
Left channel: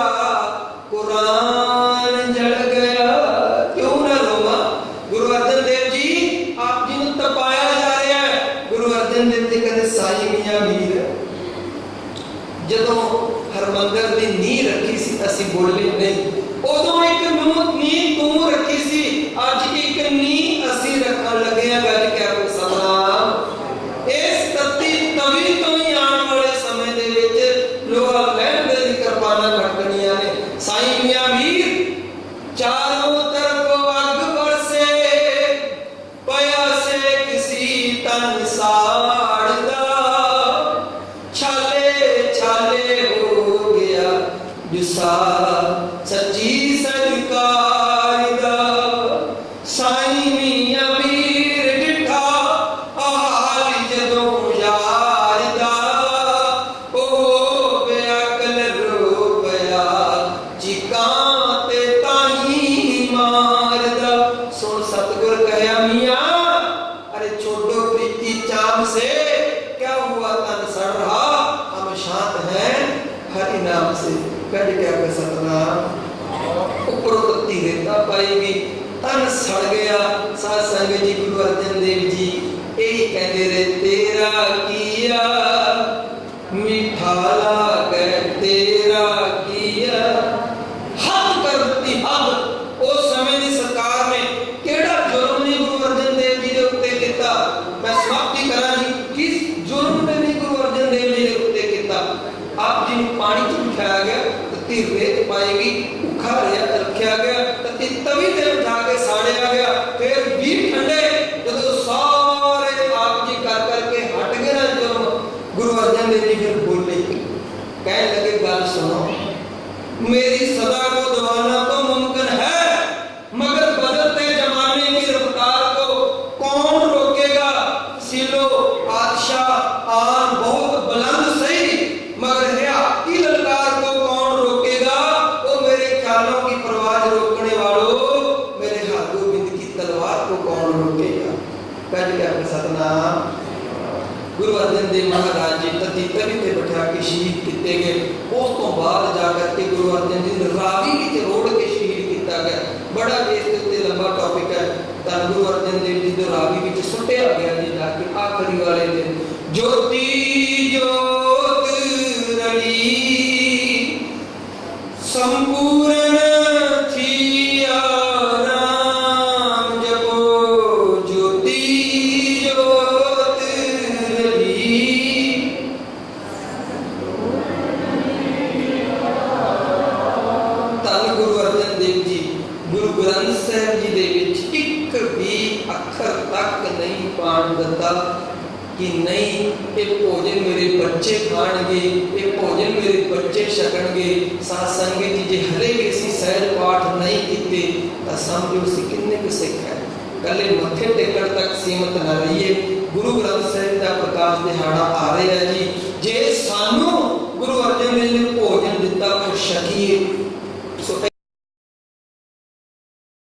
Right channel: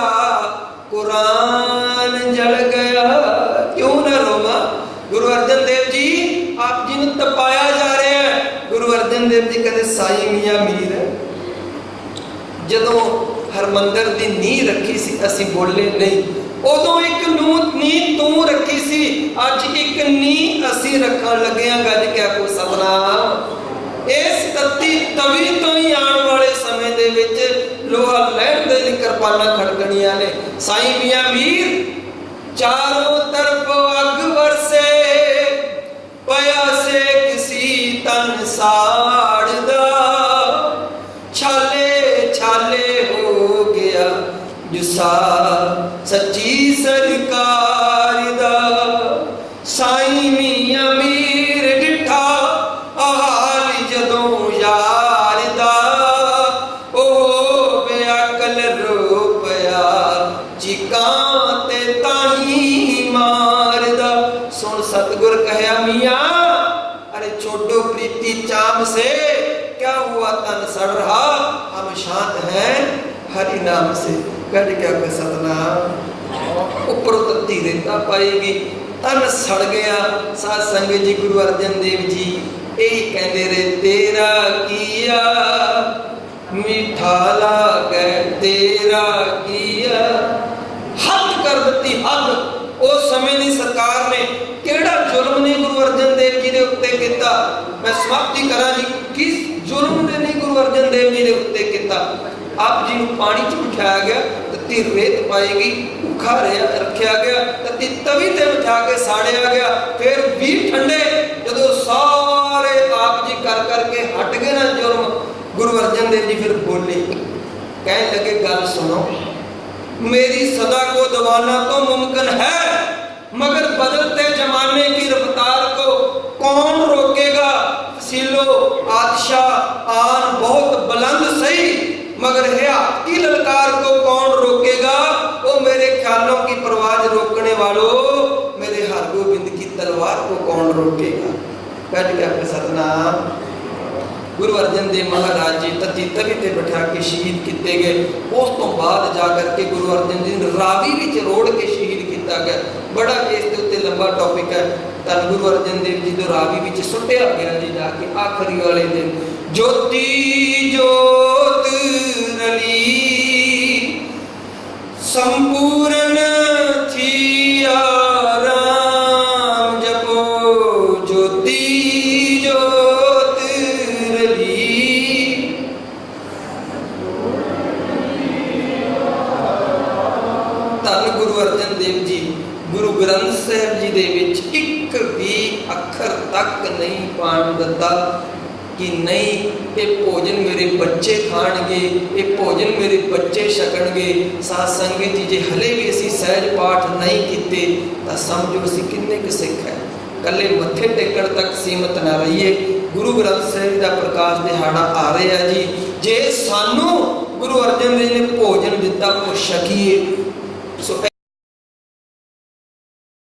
कुरान जल गया क्यों ना रोवा। गुरु अर्जन देव जी आप जी ने तपाया जा रहा है। गुरु अर्जन देव जी कहते साईं मियां मीर जदों हरमंदर की नींह रखी सी, असी बोले नहीं, ਉਦੋਂ ਇੱਕ ਨੀਂਹ ਤੂੰ ਰੱਖੀ ਸੀ, ਅੱਜ ਇੱਕ ਨੀਂਹ ਅਸੀਂ ਰੱਖਣ ਲੱਗੇ ਹਾਂ। ਗੱਜ ਕੇ ਆਖੋ ਸਤਿਨਾਮ। ਇਸ ਤੱਤੀ ਤਵੀ ਤੋਂ ਹੀ ਆਉਣ ਵਾਲੇ ਸਮੇਂ ਦੇ ਵਿੱਚ ਲੋਹਾ ਲੈਣ ਦੇ ਲਈ ਕਿਰਪਾਨਾਂ ਖੜਕਣੀਆਂ ਨੇ। ਸਾਈਂ ਮੀਆਂ ਮੀਰ ਚਾਰੋਂ ਤਰਫ ਅੱਗ ਵਰਸੇ, ਪਿਆ ਸੇ ਕਿਸੀ ਤਨ ਸਾੜਦਾ, ਛਾਲੇ ਛਾਲੇ ਹੋ ਗਿਆ ਜੁਸਾ ਸੱਚੀ ਸਰਕਾਰ ਦਾ। ਸਾਈਂ ਮੀਆਂ ਮੀਰ ਡਿਠਾ ਹਾਲ ਜਦੋਂ ਯਾਰ ਦਾ, ਉਹ ਬੇਅਕਲ ਰੋ ਪਿਆ ਚੀਕਾਂ ਤੇ ਤਾਹੀ ਮਾਰਦਾ। ਸੁਣ सतगुर कहा मियाँ, अरे छोड़ो प्रीति चाम से, क्या हुआ तन सड़ रहा, हम शांत हैं हरि नाम से। कह क्या कर सतनाम। ऊपर तत्ती रेता पाएगी, तन सड़ गया। साध संगत जी गुरु अर्जन देव जी यही कहते रहे, तेरा किया मीठा लागे, तेरा किया। हद कर दी हद। उस समय की सरकार ने केड़ा जुल्म ने गुरु अर्जन देव जी के उत्ते किया। मैं समाप्ति करा जी, किस जुल्म ने नहीं गुरु अर्जन देव जी के उत्ते किया। आप जी को पानी च बिठाया गया, तत्ती रेत पाएगी, भूखा रखा गया, तत्ती तवी ते बिठा के साड़िया गया। फिर भी ठंडे जो सारे आप जी कर करके हट गए ना जुल्म, गुरु अर्जन देव जी फिर बोले, कह लगे गल सुनो, मेरी सदा को दबाना तो मुमकिन है, मगर बदलते जमाने की रफ्तार को कौन रोकेगा। सीलो आदशाह आन बहुत बुलंद सही, मगर हयात की ललकार को कौन रोकेगा। वो मेरे ख्यालों की परवाज रोकने वालों, मेरे हर गोबिंद की तलवार को कौन रोकेगा। कह दिया सतनाम। गुरु अर्जन देव महाराज जी तत्ती तवी ते बिठा के शहीद किए गए। उस तो बाद जाकर के गुरु अर्जन देव रावी विच रोड़ के शहीद किया गया। बड़ा इस उत्ते लंबा टॉपिक है। धन गुरु अर्जन देव जी जो रावी विच सुटिया गया जी जाके आखिरी वाले दिन, ज्योति ज्योत रली संपूर्ण थिया राम जपो, ज्योति ज्योत रली। धन गुरु अर्जन देव जी गुरु ग्रंथ साहिब जी दे विच एक भी अखर तक नहीं पाण दिता कि नहीं ये भोजन मेरे बच्चे खाणगे, ये भोजन मेरे बच्चे छकणगे। साध संगत जी जे हले भी असीं सहज पाठ नहीं कीते तां समझो असीं किन्ने क सिख है। कल्ले मत्थे टेकण तक सीमित ना रहिए। गुरु ग्रंथ साहिब दा प्रकाश दिहाड़ा आ रहा जी, जे सानू गुरु अर्जन देव ने भोजन दिता वो छकीए,